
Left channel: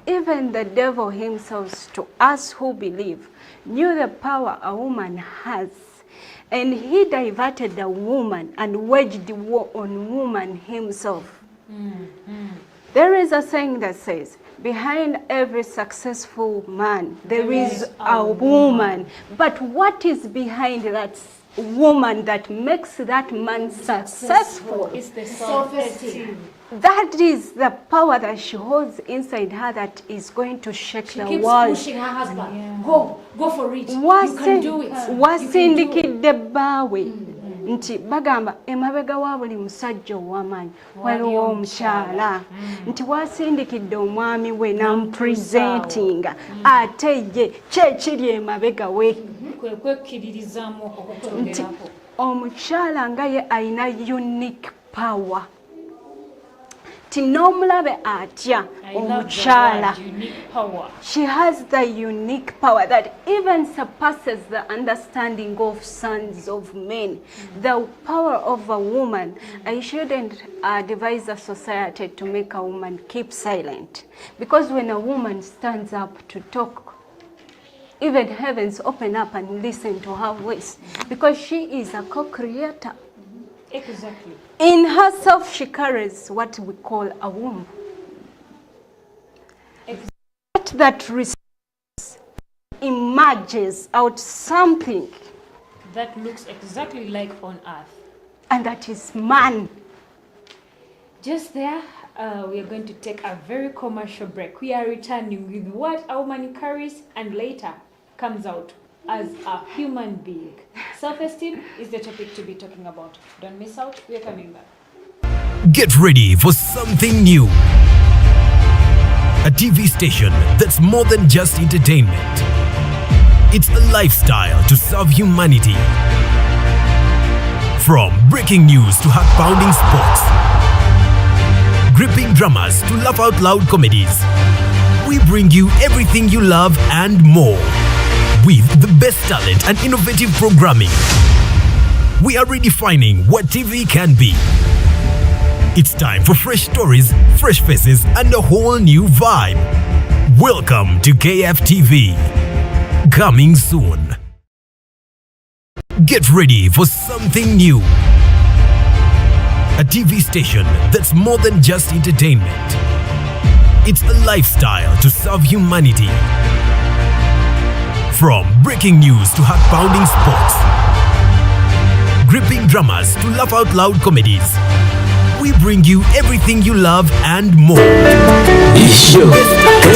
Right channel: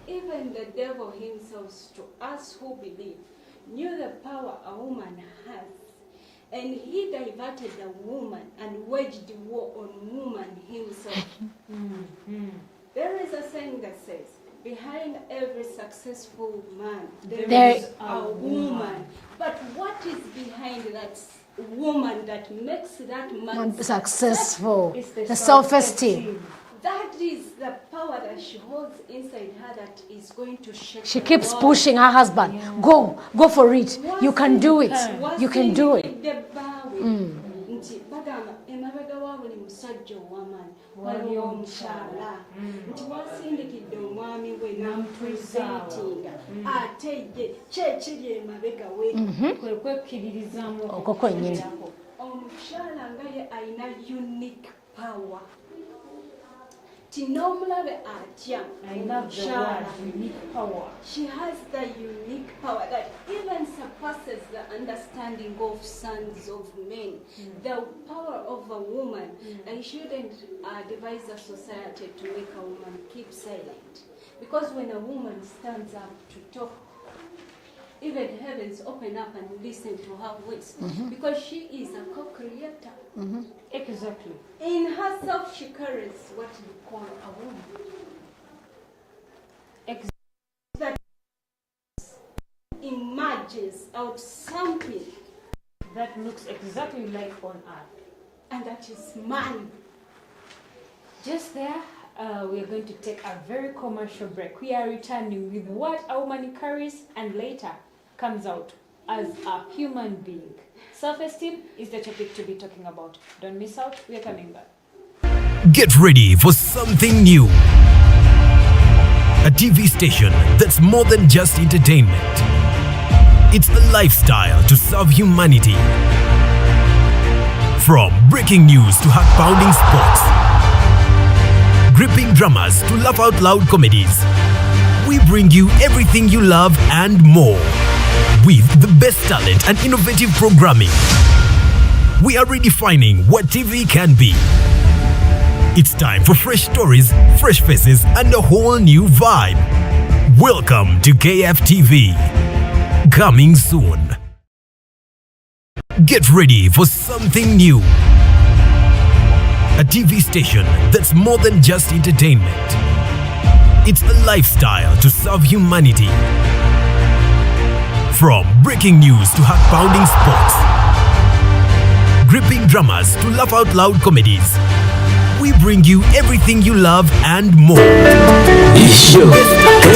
Even the devil himself, to us who believe, knew the power a woman has And he diverted the woman and waged war on woman himself. There is a saying that says, behind every successful man, there is a woman. But what is behind that woman that makes that man successful? It's the self-esteem. That is the power that she holds inside her that is going to shake the world. She keeps pushing her husband. Go for it. You can do it. You can do it. Nti bagamba emabega wa buli musajja ow'amaanyi waliwo omukyala nti wasindikidde omwami we namupresentinga ate ye kyekiri emabega we nti omukyala nga ye alina unique power ti n'omulabe atya omukyala. She has the unique power that even surpasses the understanding of sons of men. The power of a woman. I shouldn't advise a society to make a woman keep silent, because when a woman stands up to talk, even heavens open up and listen to her voice, because she is a co-creator. Exactly. In herself, she carries what we call a womb. That emerges out something that looks exactly like on earth. And that is man. Just there, we are going to take a very commercial break. We are returning with what a woman carries and later comes out as a human being. Self-esteem is the topic to be talking about. Don't miss out. We are coming back. Get ready for something new. A TV station that's more than just entertainment. It's a lifestyle to serve humanity. From breaking news to heart-pounding sports, gripping dramas to laugh-out-loud comedies, we bring you everything you love and more. With the best talent and innovative programming, we are redefining what TV can be. It's time for fresh stories, fresh faces, and a whole new vibe. Welcome to KFTV. Coming soon. Get ready for something new. A TV station that's more than just entertainment. It's a lifestyle to serve humanity. From breaking news to heart-pounding sports, gripping dramas to laugh-out-loud comedies, we bring you everything you love and more.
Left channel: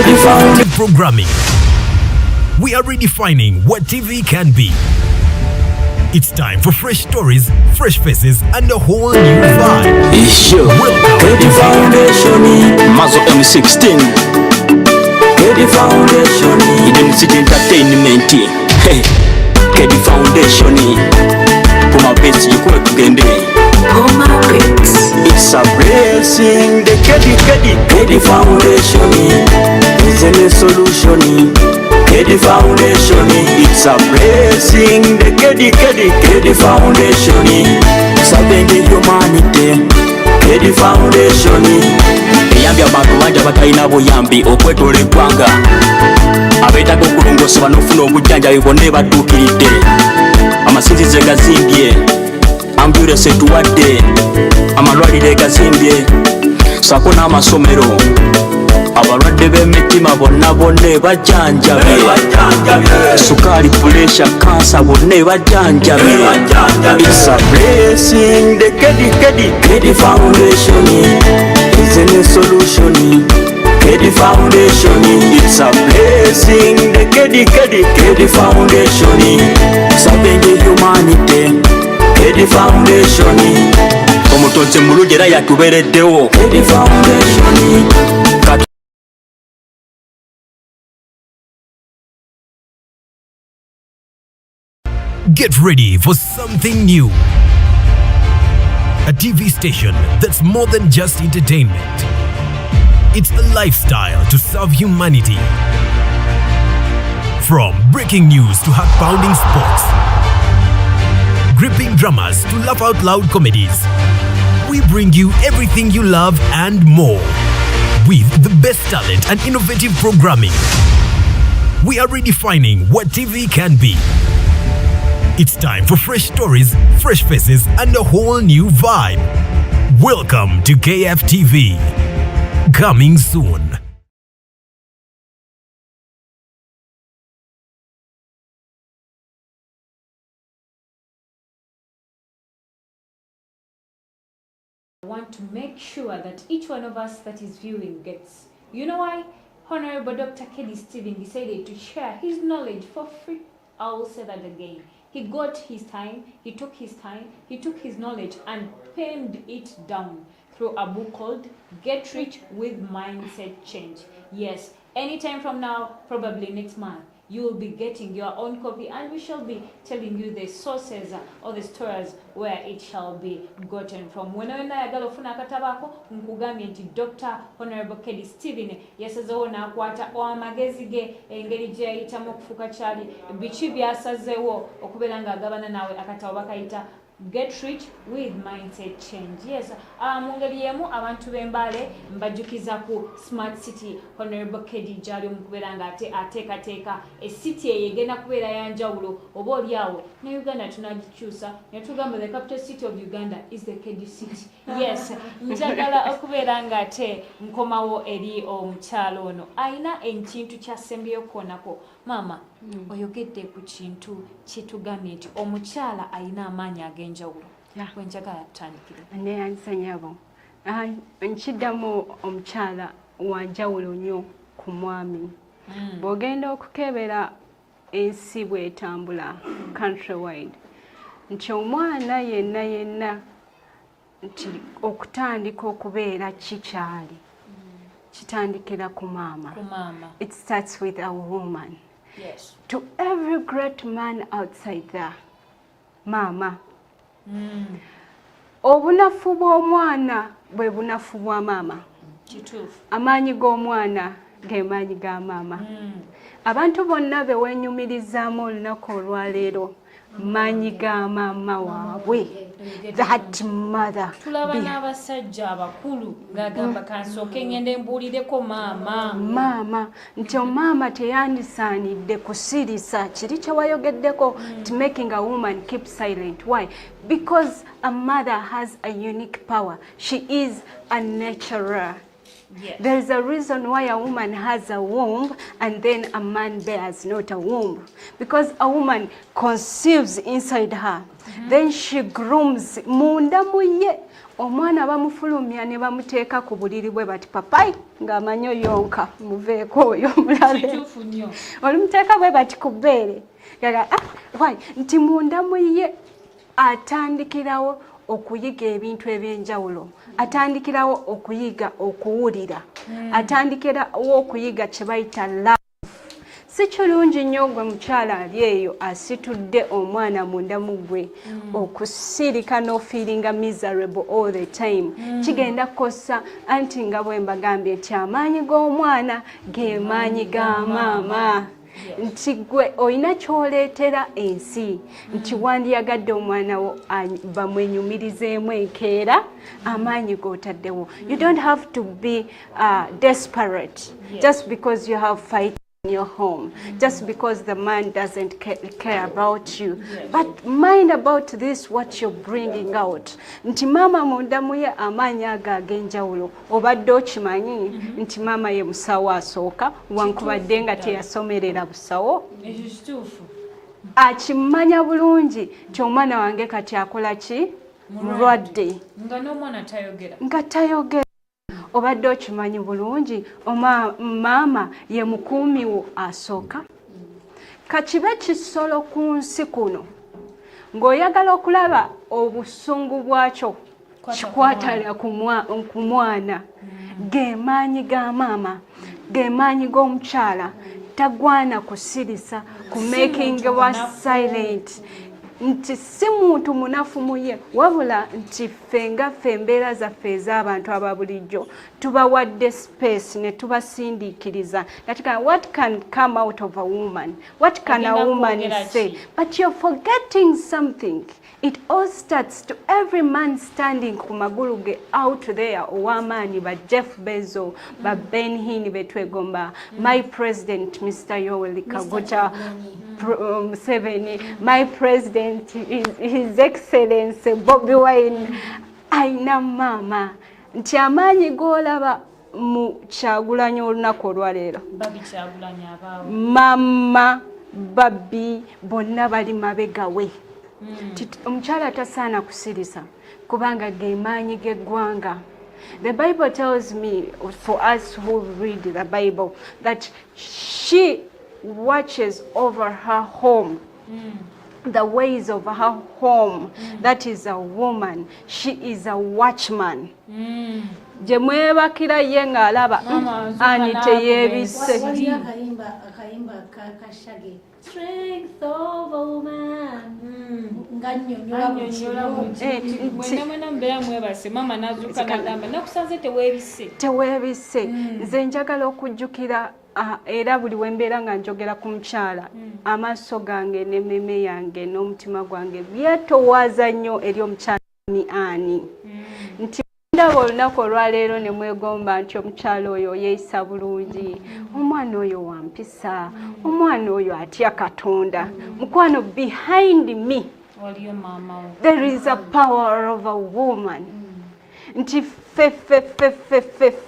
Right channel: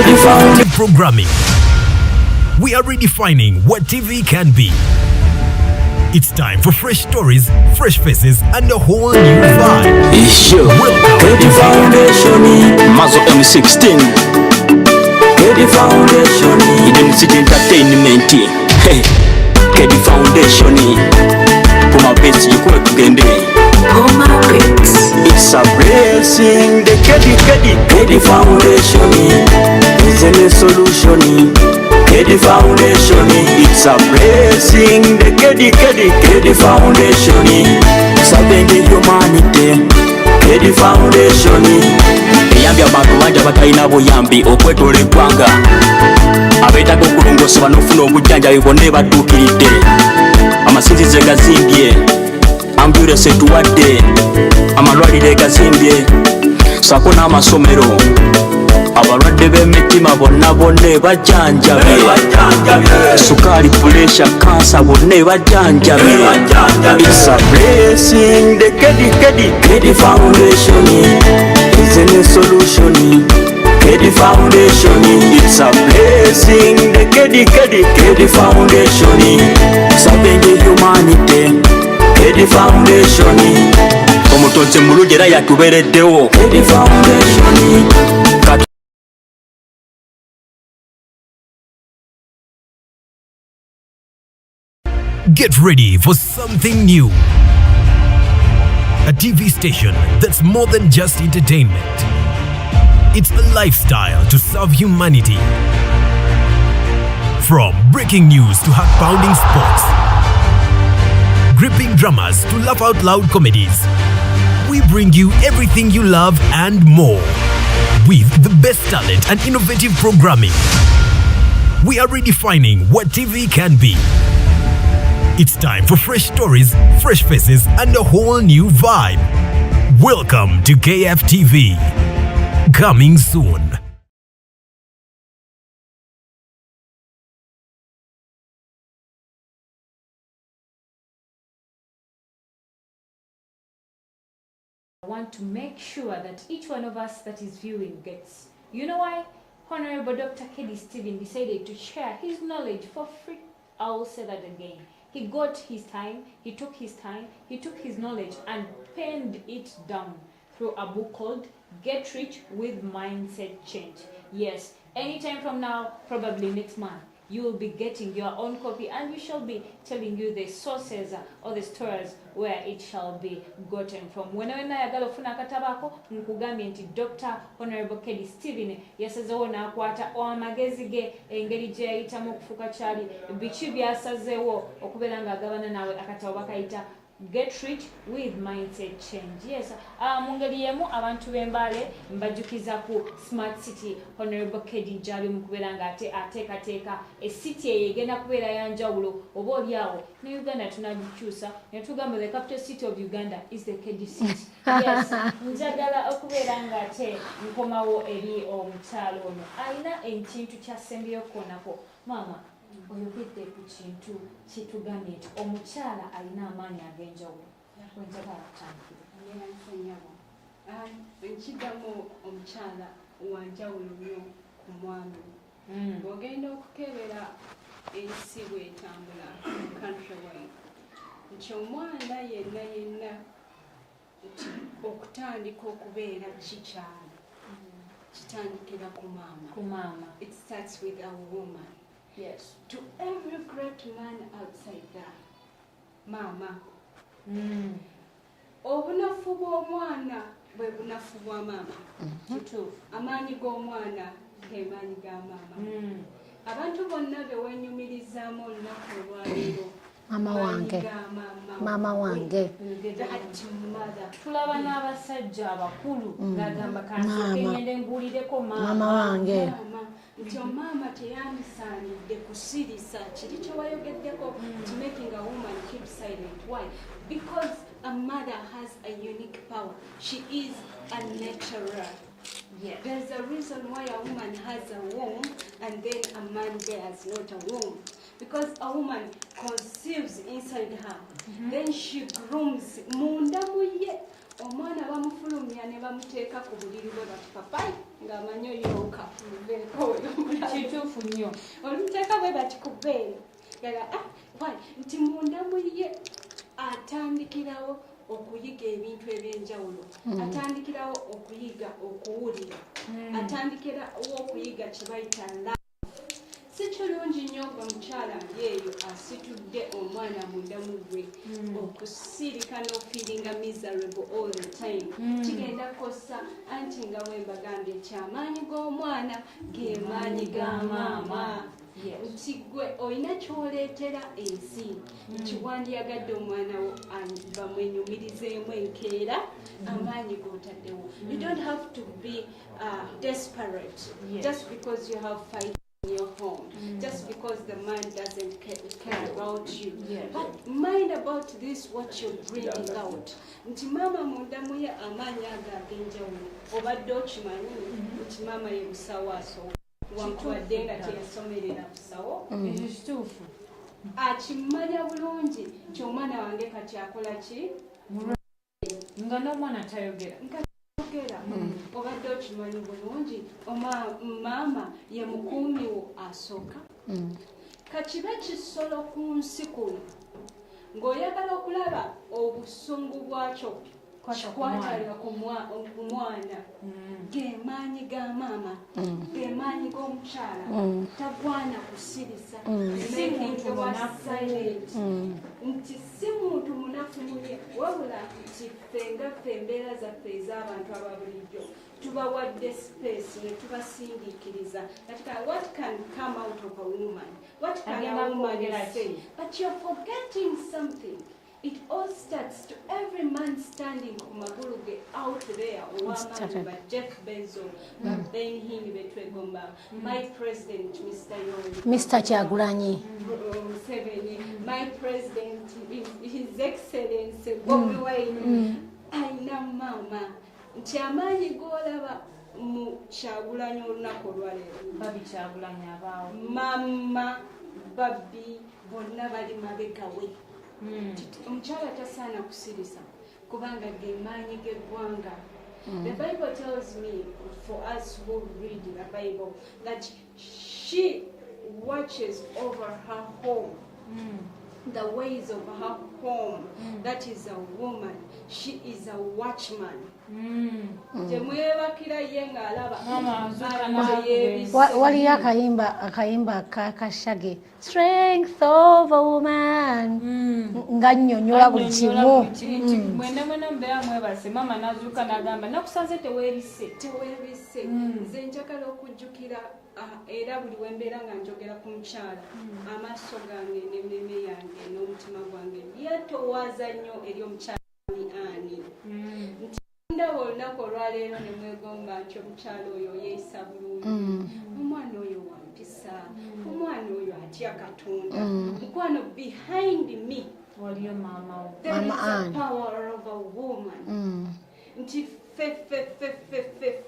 Effective programming. We are redefining what TV can be. It's time for fresh stories, fresh faces, and a whole new vibe. Welcome to Foundation, Mazo M16. Kedi Foundation, Identity Entertainment. Hey, Kedi Foundation. Puma base yikuwe kugende. Puma base. It's a blessing. The Kedi Foundation is a solution. Kedi Foundation, it's a blessing. The Kedi Foundation, serving the humanity. Kedi Foundation, eyambye abantu bangi abatalina buyambi okwetoola eggwanga, abeetaaga okulongosebwa n'ofuna obujjanjabi bonna ebadduukiridde. Amasinzizo egazimbye, ambulensi etuwadde, amalwaliro egazimbye, ssaako n'amasomero. Abalwadde b'emitima bonna bajjanjabe, sukaali, puleesha, kansa bonna bajjanjabe. It's a blessing. The Kedi Foundation is a new solution. Kedi Foundation, it's a blessing. The Kedi Foundation, serving the humanity. Kedi Foundation, omutonzi mulungi era yatubeereddewo. Kedi Foundation. Get ready for something new. A TV station that's more than just entertainment. It's a lifestyle to serve humanity. From breaking news to heart-pounding sports, gripping dramas to laugh-out-loud comedies, we bring you everything you love and more. With the best talent and innovative programming, we are redefining what TV can be. It's time for fresh stories, fresh faces, and a whole new vibe. Welcome to KFTV. Coming soon. I want to make sure that each one of us that is viewing gets. You know why Honorable Dr. Kelly Steven decided to share his knowledge for free? I will say that again. He got his time, he took his time, he took his knowledge and penned it down through a book called Get Rich with Mindset Change. Yes, anytime from now, probably next month, you will be getting your own copy and we shall be telling you the sources or the stores where it shall be gotten from. Wena yagala ofuna akatabako nkugambye nti Dr. Honorable Kelly Steven yasazeewo n'akwata amagezi ge engeri gye yayitamu okufuuka kyali biki byasazeewo okubeera ng'agabana nawe akatabo bakayita Get Rich with Mindset Change. Yes, mu ngeri y'emu abantu b'Embale mbajjukiza ku Smart City Honorable Kelly gy'ali mu kubeera ng'ateekateeka city eyo egenda kubeera ya njawulo oba oliawo ne Uganda tunagikyusa ne tugamba the capital city of Uganda is the Kelly city. Yes, njagala okubeera ng'ate nkomawo eri omukyalo ono ayina ekintu kyasembyeyo kwonako. Mama, oyogedde ku kintu kitugambye nti omukyala ayina amaanyi ag'enjawulo. Wenjagala tutandikire. Neyansanyabo. Nkiddamu omukyala wa njawulo nnyo ku mwami. Bw'ogenda okukebera ensi bw'etambula countrywide nti omwana yenna nti okutandika okubeera kikyali kitandikira ku maama. It starts with a woman. Yes. To every great man outside there, mama. Obunafu bw'omwana bwe bunafu bwa maama. Amaanyi g'omwana ge maanyi ga maama. Abantu bonna be wenyumirizaamu olunaku olwaleero maanyi ga maama waabwe. That mother. Tulaba n'abasajja abakulu ng'agamba kansooke ngende mbuulireko maama. Nti omaama teyandisaanidde kusirisa kiri kye wayogeddeko to making a woman keep silent. Why? Because a mother has a unique power. She is a nurturer. Yes. There is a reason why a woman has a womb and then a man bears not a womb. Because a woman conceives inside her. Then she grooms. Munda muye. Omwana bamufulumya ne bamuteeka ku buliri bwe bati papai ng'amanyi oyonka muveeko oyo mulale. Olumuteeka bwe bati ku bbeere. Why? Nti munda muye atandikirawo okuyiga ebintu eby'enjawulo. Atandikirawo okuyiga okuwulira. Atandikirawo okuyiga kye bayita love. Si kirungi nnyo gwe mukyala ali eyo asitudde omwana munda mu gwe okusirika n'ofeelinga miserable all the time. Kigenda kukosa anti nga bwe mbagambye nti amaanyi g'omwana ge maanyi ga maama. Nti gwe olina kyoleetera ensi nti wandiyagadde omwana wo bamwenyumirizeemu enkeera amaanyi g'otaddewo. You don't have to be desperate just because you have fight in your home, just because the man doesn't care about you. But mind about this, what you're bringing out. Nti mama munda muye amaanyi ago ag'enjawulo obadde okimanyi nti mama ye musawo asooka wankubadde nga teyasomerera busawo. Akimanya bulungi nti omwana wange kati akola ki? Mulwadde nga tayogera. Obadde okimanyi bulungi maama ye mukuumi wo asooka. Kakibe kisolo ku nsi kuno ng'oyagala okulaba obusungu bwakyo kikwatala ku mwana. Ge maanyi ga maama, ge maanyi g'omukyala. Tagwana kusirisa ku making wa silent. Nti si muntu munafu muye wabula nti ffe nga ffe embeera zaffe ez'abantu aba bulijjo tubawadde space ne tubasindiikiriza. What can come out of a woman? What can a woman say? But you're forgetting something. It all starts to every man standing ku magulu ge out there ow'amaanyi ba Jeff Bezos, ba Ben Hinn betwegomba, my president Mr. Yoweri Museveni, my president his excellency Bobi Wine, aina mama nti amaanyi g'olaba mu Kyagulanyi olunaku olwaleero mama babi bonna bali mabegawe. Omukyala tasaana kusirisa kubanga ge maanyi g'eggwanga. The Bible tells me, for us who read the Bible, that she watches over her home, the ways of her home. That is a woman. She is a watchman. Je mwebakira ye ng'alaba ani teyebise. Wali akayimba kashage strength of a woman nga nnyonnyola buli kimu. Mwena mbeera mwebase mama nazuuka n'agamba nakusanze teweebise. Nze njagala okujjukira era buli wembeera nga njogera ku mukyala amaaso gange n'emmeme yange n'omutima gwange byetowaaza nnyo eri omukyala ani nti ndaba olunaku olwaleero ne mwegomba nti omukyala oyo yeeyisa bulungi, omwana oyo wampisa, omwana oyo atya Katonda. Mukwano, behind me there is a power of a woman. Nti fe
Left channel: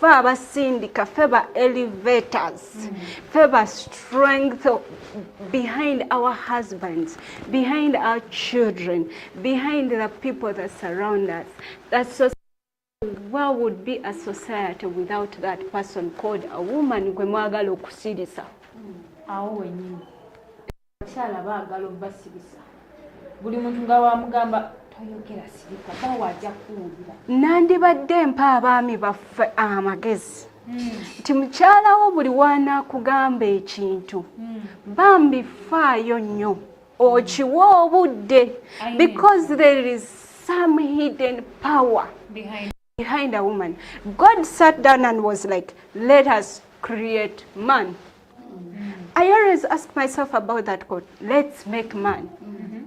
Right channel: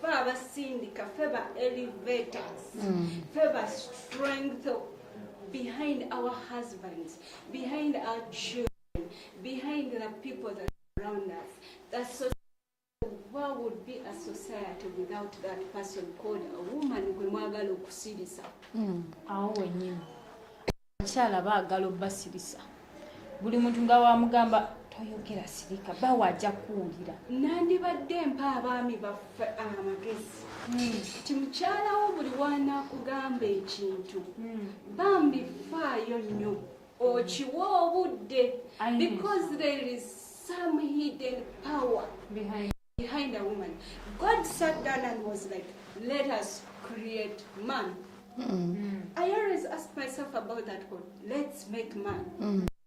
abasindika, fe ba elevators, fe ba strength behind our husbands, behind our children, behind the people that surround us. What would be a society without that person called a woman? Gwe mwagala okusirisa awo wenyini abakyala baagala obbasirisa buli muntu nga wamugamba toyogera sirika bawe ajja kuwulira. Nandibadde mpa abaami baffe amagezi nti mukyalawo buli wanaakugamba ekintu bambi faayo nnyo okiwa obudde, because there is some hidden power behind a woman. God sat down and was like, let us create man. I always ask myself about that quote, let's make man.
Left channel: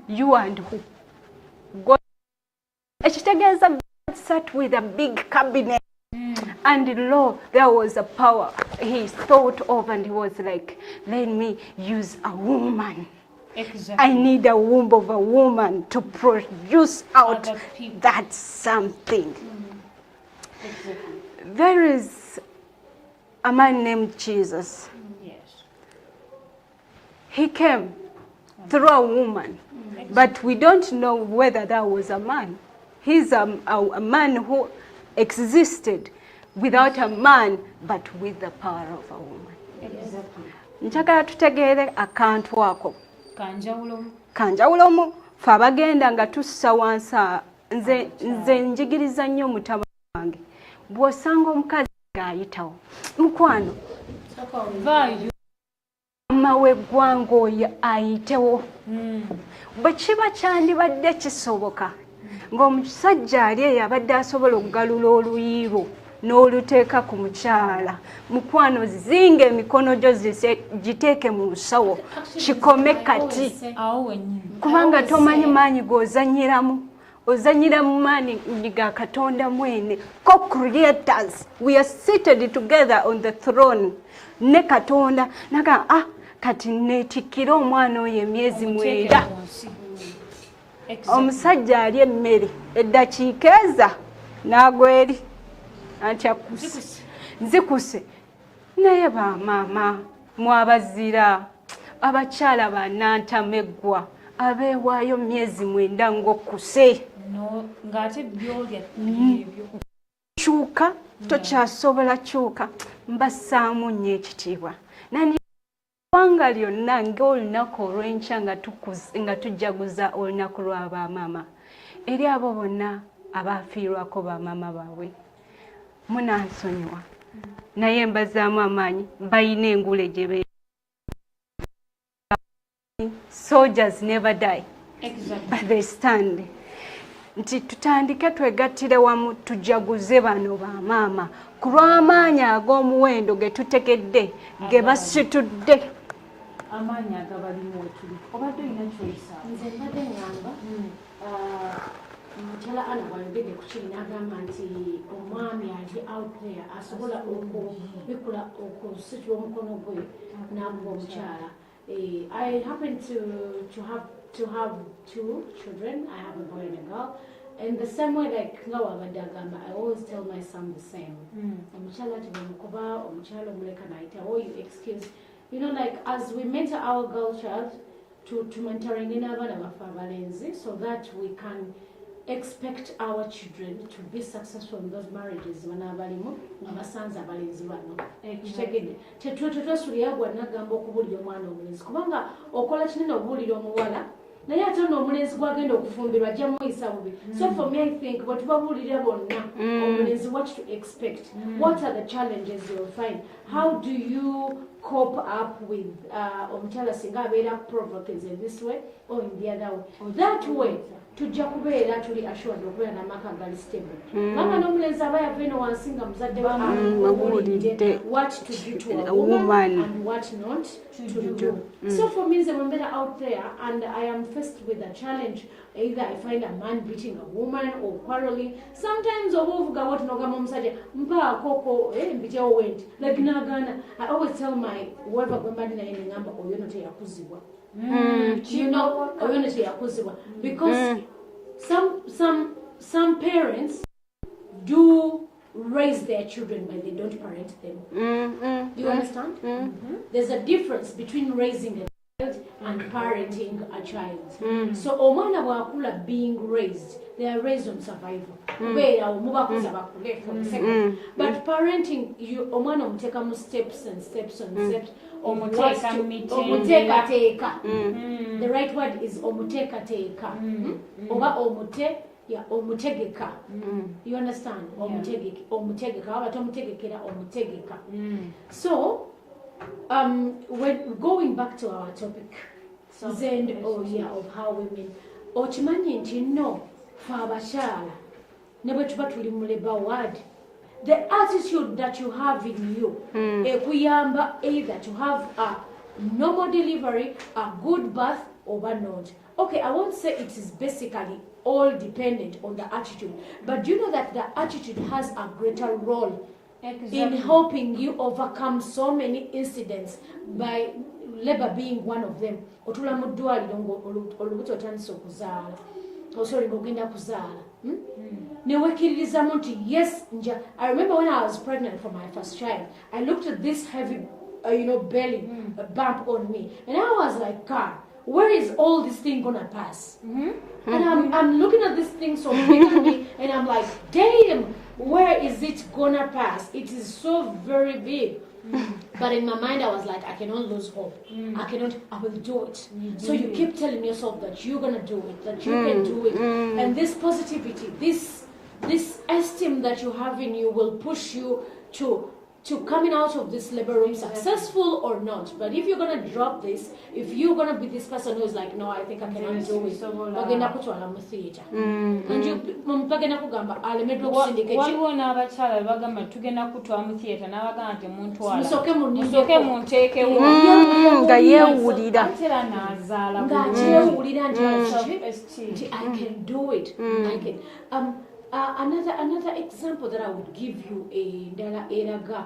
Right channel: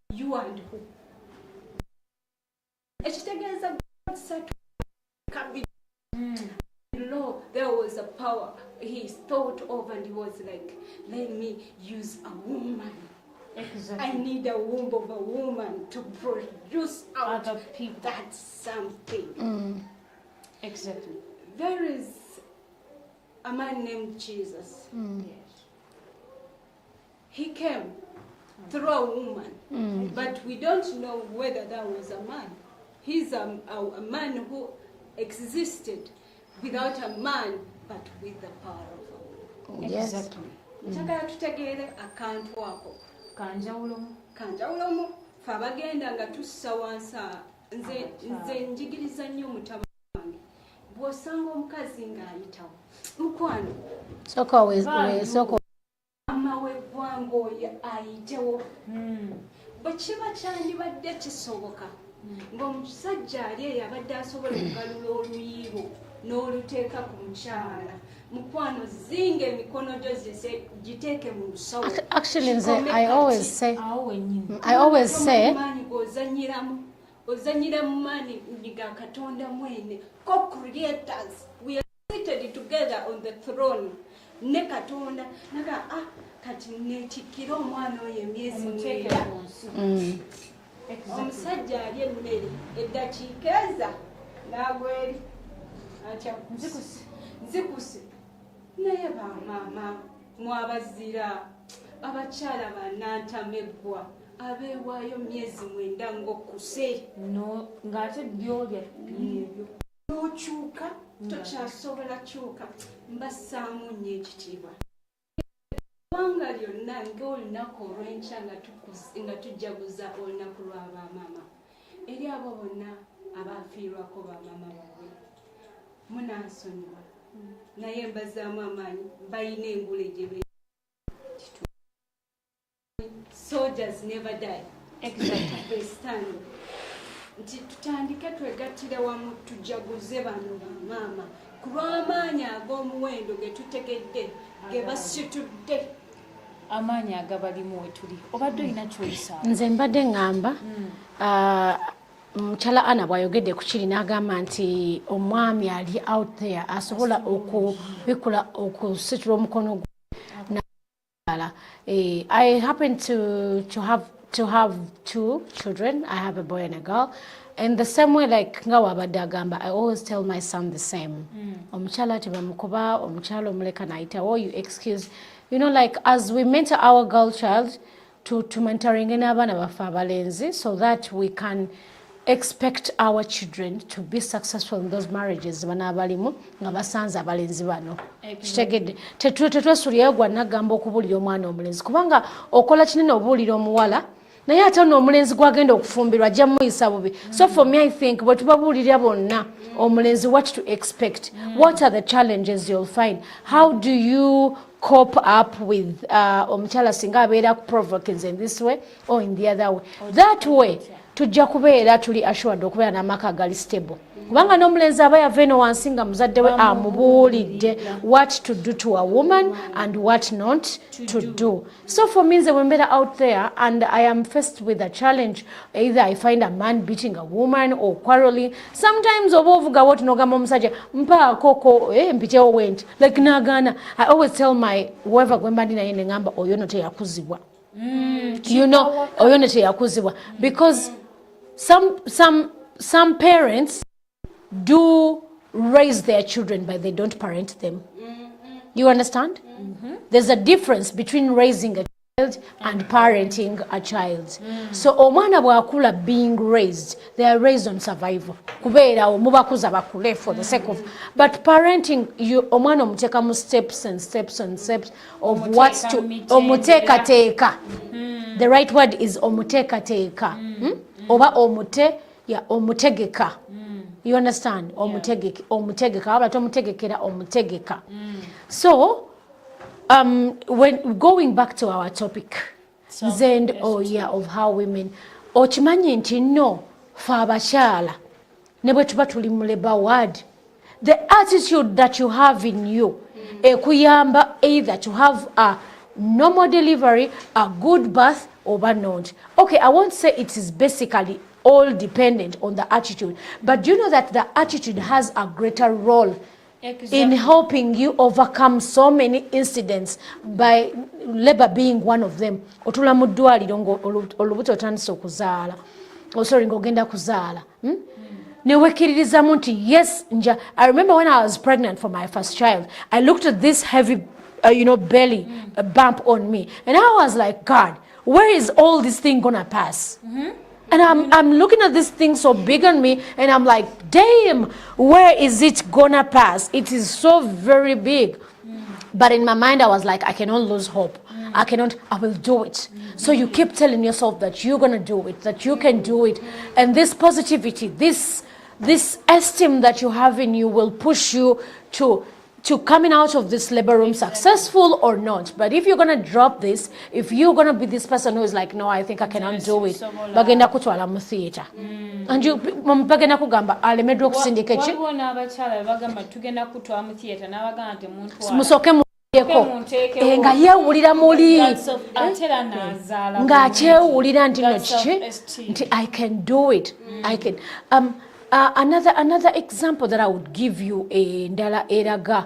You and who? God. God sat with a big cabinet and lo, there was a power he thought of and he was like, let me use a woman. Exactly. I need a womb of a woman to produce out that something. Exactly. There is a man named Jesus. Yes. He came through a woman, but we don't know whether that was a man. He's a man who existed without a man, but with the power of a woman. Exactly. Njagala tutegeere akantu ako. Kanjawulomu. Fe abagenda nga tussa wansi nze njigiriza nnyo mutabani wange. Bw'osanga omukazi ng'ayitawo. Mukwano. Mama w'eggwanga oyo ayitewo. Bwe kiba kyandibadde kisoboka ng'omusajja ali eyo abadde asobola okugalula oluyiiro n'oluteeka ku mukyala. Mukwano, zinga emikono gyo giteeke mu nsawo kikome kati. Kubanga tomanyi maanyi g'ozanyiramu. Ozanyira mu maanyi ga Katonda mwene. Co-creators, we are seated together on the throne. Ne Katonda naga kati neetikkira omwana oyo emyezi 9. Omusajja ali emmere eddakiika eza n'agwa eri antya nzikuse. Naye bamaama mwabazira abakyala bannantameggwa abeewaayo myezi 9 ng'okkuse. Ng'ate byolya kyuka tokyasobola kyuka. Mbassaamu nnyo ekitiibwa. Eggwanga lyonna ng'olunaku olw'enkya nga tujjaguza olunaku lwa bamaama. Eri abo bonna abaafiirwako bamaama baabwe munansonyiwa. Naye mbazaamu amaanyi balina engule gye beera. Soldiers never die. Exactly. They stand. Nti tutandike twegattire wamu tujaguze bano bamaama ku lw'amaanyi ag'omuwendo ge tutegedde ge basitudde. Amaanyi agabalimu we tuli. Obadde olina ky'oyisaa? Nze mbadde ngamba Chala ana bwayogedde ku kiri n'agamba nti omwami ali out there asobola okubikula okusitula omukono gwe n'akuba omukyala. I happen to have 2 children. I have a boy and a girl. And the same way, like nga wabadde agamba, I always tell my son the same. Omukyala tebamukuba, omukyala omuleka nayita, or you excuse. You know, like as we mentor our girl child to mentoring n'abaana baffe abalenzi, so that we can expect our children to be successful in those marriages banabalimu nga basanze abalenzi bano. Kitegedde tetwesulirayo gwa nagamba okubuulira omwana omulenzi kubanga okola kinene obuulira omuwala naye ate n'omulenzi gwagenda okufumbirwa ajja muyisa bubi. So for me I think bwe tubabuulirira bonna omulenzi what to expect, what are the challenges you'll find, how do you cope up with omukyala singa abeera provoking in this way or in the other way. That way tujja kubeera tuli assured okubeera n'amaka gali stable. Kubanga n'omulenzi aba yava eno wansi nga muzadde we amubuulidde what to do to a woman and what not to do. So for me, when I'm out there and I am faced with a challenge, either I find a man beating a woman or quarreling, sometimes obovuga what nogamba omusajja mpa koko mpitewo went like nagana. I always tell my whoever gwemba ndi naye ngamba oyo no teyakuzibwa. You know, oyo no teyakuzibwa because some parents do raise their children but they don't parent them. You understand? There's a difference between raising a child and parenting a child. So omwana bwakula being raised, they are raised on survival. Kubeera mubakuza bakule for the sake of, but parenting you omwana omuteka mu steps and steps and steps of what to omuteka teka. The right word is omuteka teka. Oba omute yeah, omutegeka. You understand? Omutegeka, omutegeka. Aba tomutegekera omutegeka. So, when going back to our topic, Zend, of how women, ochimanyi nti no, fa abashala, ne bwe tuba tuli mu labor ward, the attitude that you have in you, ekuyamba either to have a normal delivery, a good birth, or not. Okay, I won't say it is basically all dependent on the attitude, but you know that the attitude has a greater role in helping you overcome so many incidents, by labor being one of them. Otula mu ddwaliro olubuto otandise okuzaala, ng'ogenda kuzaala, ne wekkiririzamu nti yes nja. I remember when I was pregnant for my first child, I looked at this heavy belly bump on me, and I was like, God, where is all this thing gonna pass? And I'm looking at this thing so big on me, and I'm like, damn, where is it gonna pass? It is so very big. But in my mind, I was like, I cannot lose hope. I will do it. So you keep telling yourself that you're gonna do it, that you can do it. And this positivity, this esteem that you have in you will push you to coming out of this labor room successful or not. But if you're going to drop this, if you're going to be this person who is like, no, I think I cannot do it, bagenda kutwala mu theater. And you bagenda kugamba alemedwa kusindika ki waliwo n'abakyala bagamba tugenda kutwala mu theater n'abagamba nti muntwala musoke munteeke nga yeewulira mulimu atera n'azaala ng'akyewulira nti I can do it. I can. Another example that I would give you ndala eraga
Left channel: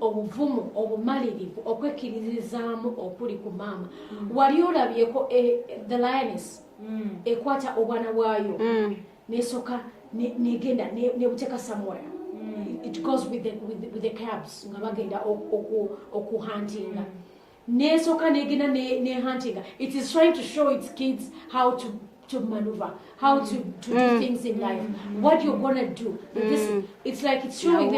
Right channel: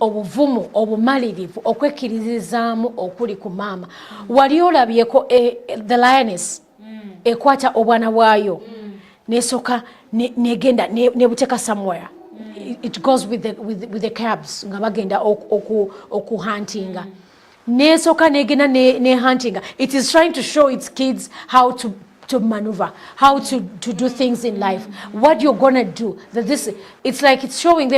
obuvumu obumalirivu okwekkirizizaamu okuli ku maama. Wali olabyeko the lioness ekwata obwana bwayo nesoka negenda nebuteka somewhere. It goes with the calves nga bagenda okuhuntinga. Nesoka negenda ne huntinga. It is trying to show its kids how to maneuver, how to do things in life, what you're gonna do. That it's like it's showing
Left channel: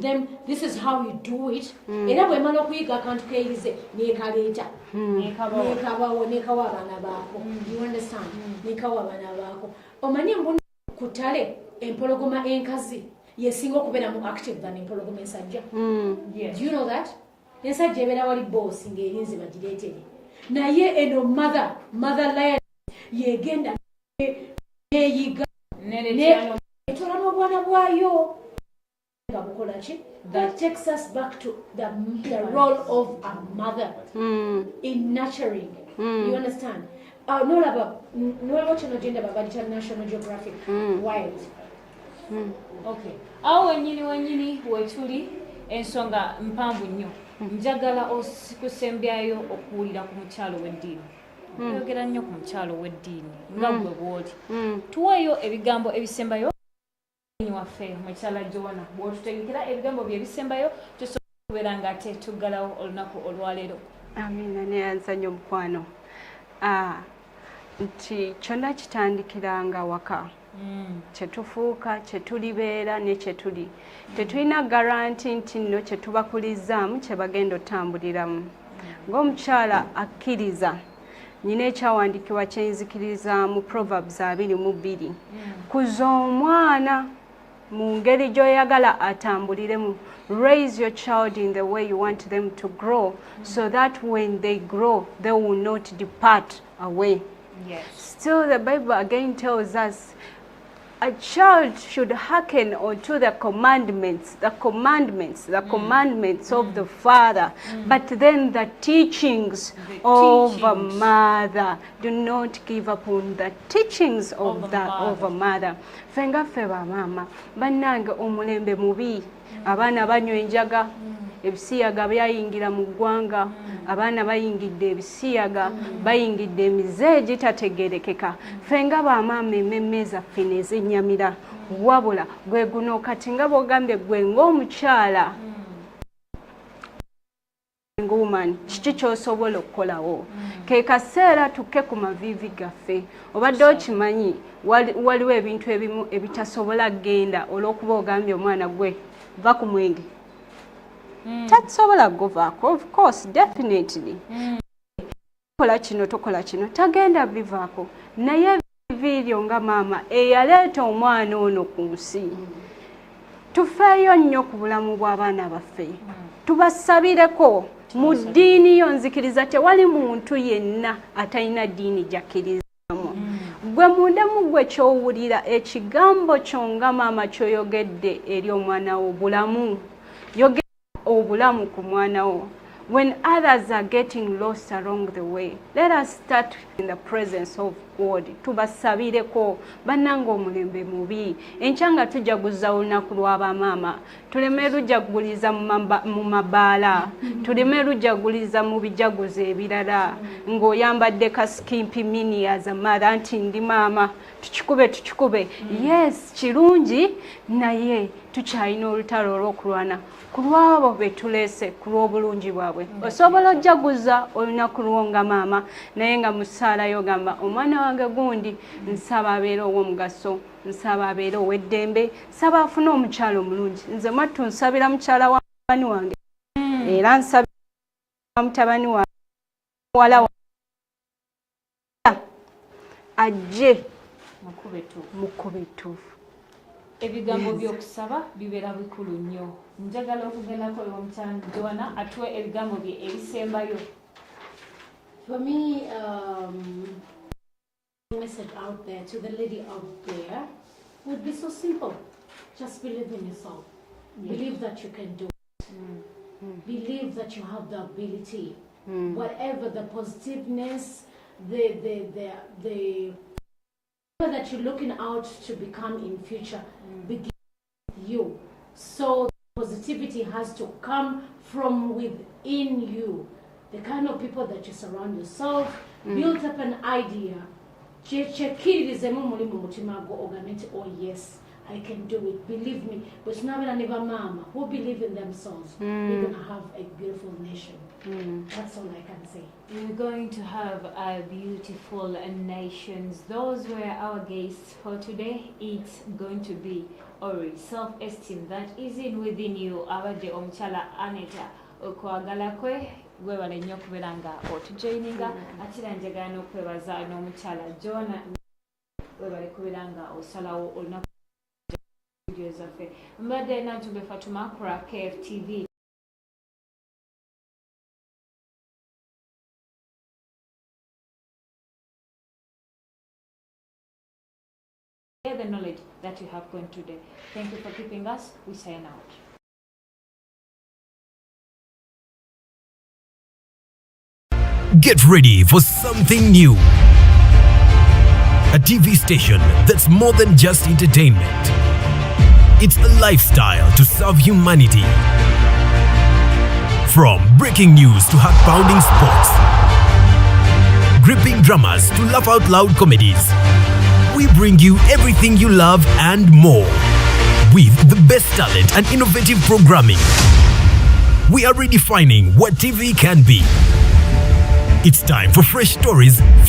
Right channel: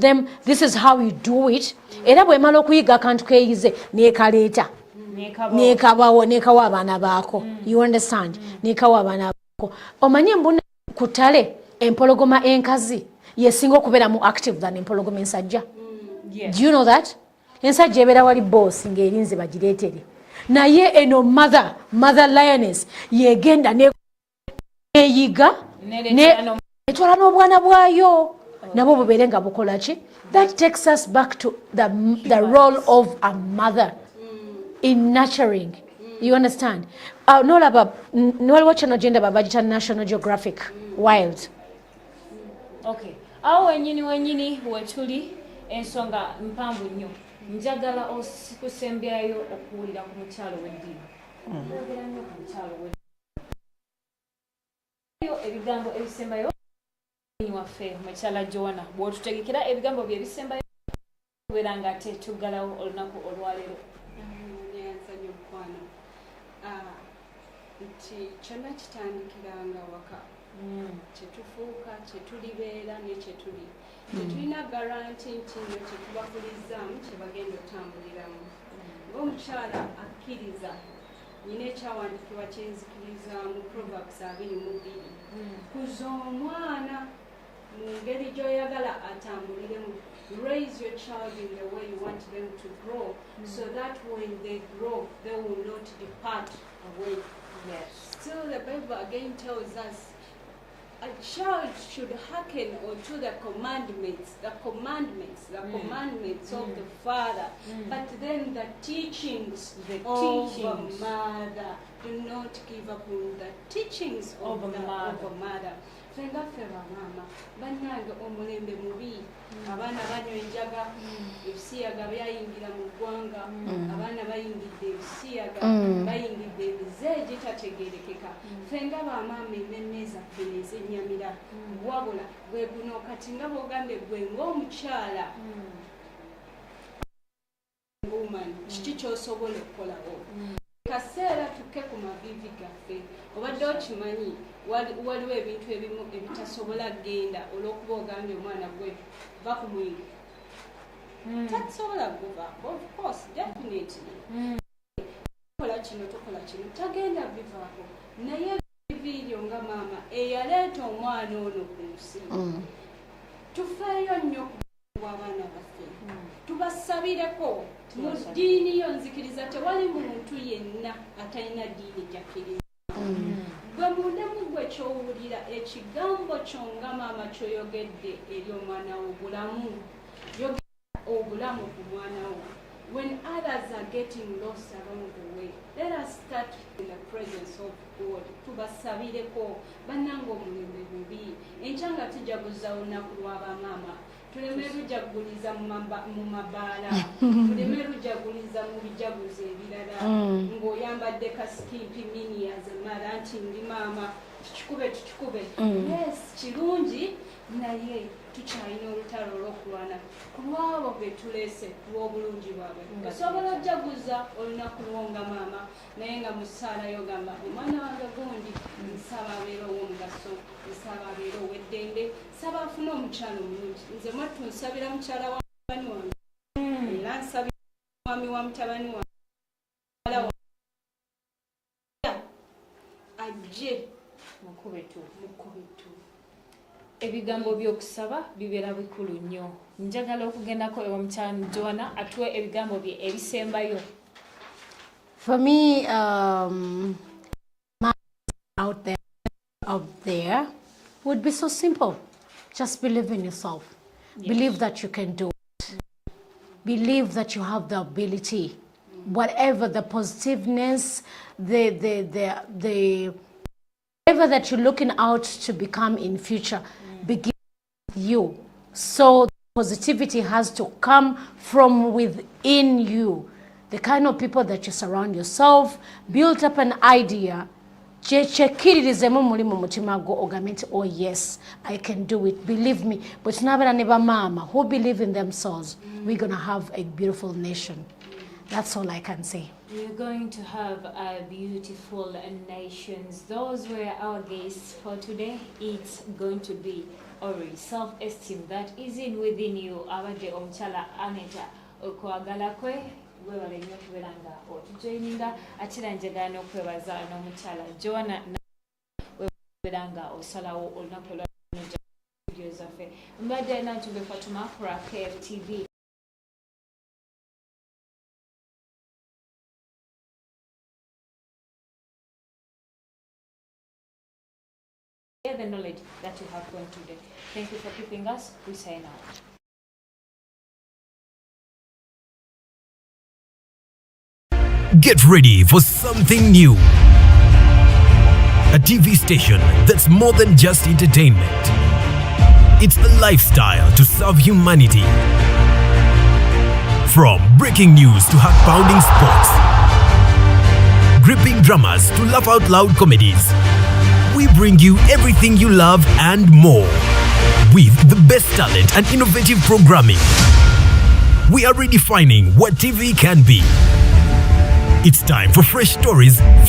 them this is how you do it. Era bwe mala okuyiga akantu keeyize nekaleeta nekawa abaana baako. You understand? Nekawa abaana baako. Omanye mbona kutale empologoma enkazi yesinga okubeera mu active than empologoma ensajja. Do you know that? Ensajja ebeera wali boss ng'erinze bagireetere. Naye eno mother lioness yegenda neyiga etwala n'obwana bwayo nabo bubeere nga bukola ki. That takes us back to the role of a mother in nurturing, You understand? Nolaba nolwa channel gender babajita National Geographic Wild. Okay. Awo wenyini wetuli ensonga mpanvu nnyo. Njagala okusembyayo okuwulira ku mukyalo w'eddiini. Oyogera nnyo ku mukyalo w'eddiini nga gwe bw'oli. Tuweeyo ebigambo ebisembayo waffe mukyala Joanna bw'otutegekera ebigambo bye ebisembayo tusobola okubeera ng'ate tuggalawo olunaku olwaleero. Amina neyanzanya omukwano. Nti kyonna kitandikiranga waka. Kyetufuuka kyetulibeera ne kyetuli. Tetulina garanti nti nno kyetubakulizaamu kye bagenda otambuliramu. Ng'omukyala akkiriza nyina ekyawandiikibwa kyenzikiriza mu Proverbs 22. Kuza omwana mu ngeri gy'oyagala atambuliremu. Raise your child in the way you want them to grow, so that when they grow, they will not depart away. Yes. Still, the Bible again tells us a child should hearken unto the commandments of the father, but then the teachings of a mother. Do not give up on the teachings of a mother. Fenga feba mama, banange omulembe mubi. Abaana banywa enjaga, ebisiyaga byayingira mu ggwanga, abaana bayingidde ebisiyaga, bayingidde emize egitategeerekeka. Ffe nga bamaama emmemme zaffe ne zinnyamira, wabula gwe guno kati nga bw'ogambye gwe ng'omukyala woman, kiki ky'osobola okukolawo? Ke kaseera tukke ku maviivi gaffe. Obadde okimanyi waliwo ebintu ebimu ebitasobola kgenda olw'okuba ogambye omwana gwe va ku mwenge. Tasobola kugovaako, of course, definitely. Tokola kino tokola kino tagenda bivaako, naye viiryo nga maama eyaleeta omwana ono ku nsi. Tufeeyo nnyo ku bulamu bw'abaana baffe, tubasabireko. Mu ddiini yo nzikiriza tewali muntu yenna atalina ddiini gy'akkirizamu. Gwe mundemu gwe ky'owulira ekigambo kyo nga maama ky'oyogedde eri omwana wo obulamu. Yogera obulamu ku mwana wo. When others are getting lost along the way, let us start in the presence of God. Tubasabireko bannanga omulembe mubi. Enkya nga tujaguza olunaku lw'abamaama, tuleme lujaguliza mu mabaala, tuleme lujaguliza mu bijaguzo ebirala, ng'oyambadde kasikimpi mini as a mother nti ndi maama, tukikube. Yes, kirungi, naye tukyalina olutalo olw'okulwana ku lw'abo be tuleese ku lw'obulungi bwabwe. Osobola ojaguza olunaku lwo nga maama, naye nga mu ssaala yogamba omwana wange gundi nsaba abeere ow'omugaso, nsaba abeere ow'eddembe, nsaba afune omukyala omulungi. Nze mwattu nsabira mukyala wa mutabani wange, era nsabira mwami wa mutabani wange muwala ajje mukube ettuufu. Ebigambo by'okusaba bibeera bikulu nnyo. Njagala okugendako omukyala Joanna atuwe ebigambo bye ebisembayo. For me, my message out there to the lady out there would be so simple. Just believe in yourself. Yes. Believe that you can do it. Believe that you have the ability. Whatever the positiveness, the whatever that you're looking out to become in future, begin with you. So positivity has to come from within you. The kind of people that you surround yourself, build up an idea. Chekirizemu muri mu mutima go ogamenti, oh yes, I can do it. Believe me. But nabana neba mama who believe in themselves, we're gonna have a beautiful nation. That's all I can say. We're going to have a beautiful nations. Those were our guests for today. It's going to be Ori, self-esteem that is in within you. Abade omukyala Aneta okwagala kwe webale nnyo okubeera nga otujoyininga ate era njagala n'okwebaza n'omukyala Joanna webale kubeera nga osalawo olunaku lwa vidiyo zaffe. Mbadde Nantumbe Fatuma ku KFTV. The knowledge that you have gone today. Thank you for keeping us. We sign out. Get ready for something new. A TV station that's more than just entertainment. It's a lifestyle to serve humanity. From breaking news to heart-pounding sports, gripping dramas to laugh-out-loud comedies, we bring you everything you love and more. With the best talent and innovative programming, we are redefining what TV can be. It's time for fresh stories,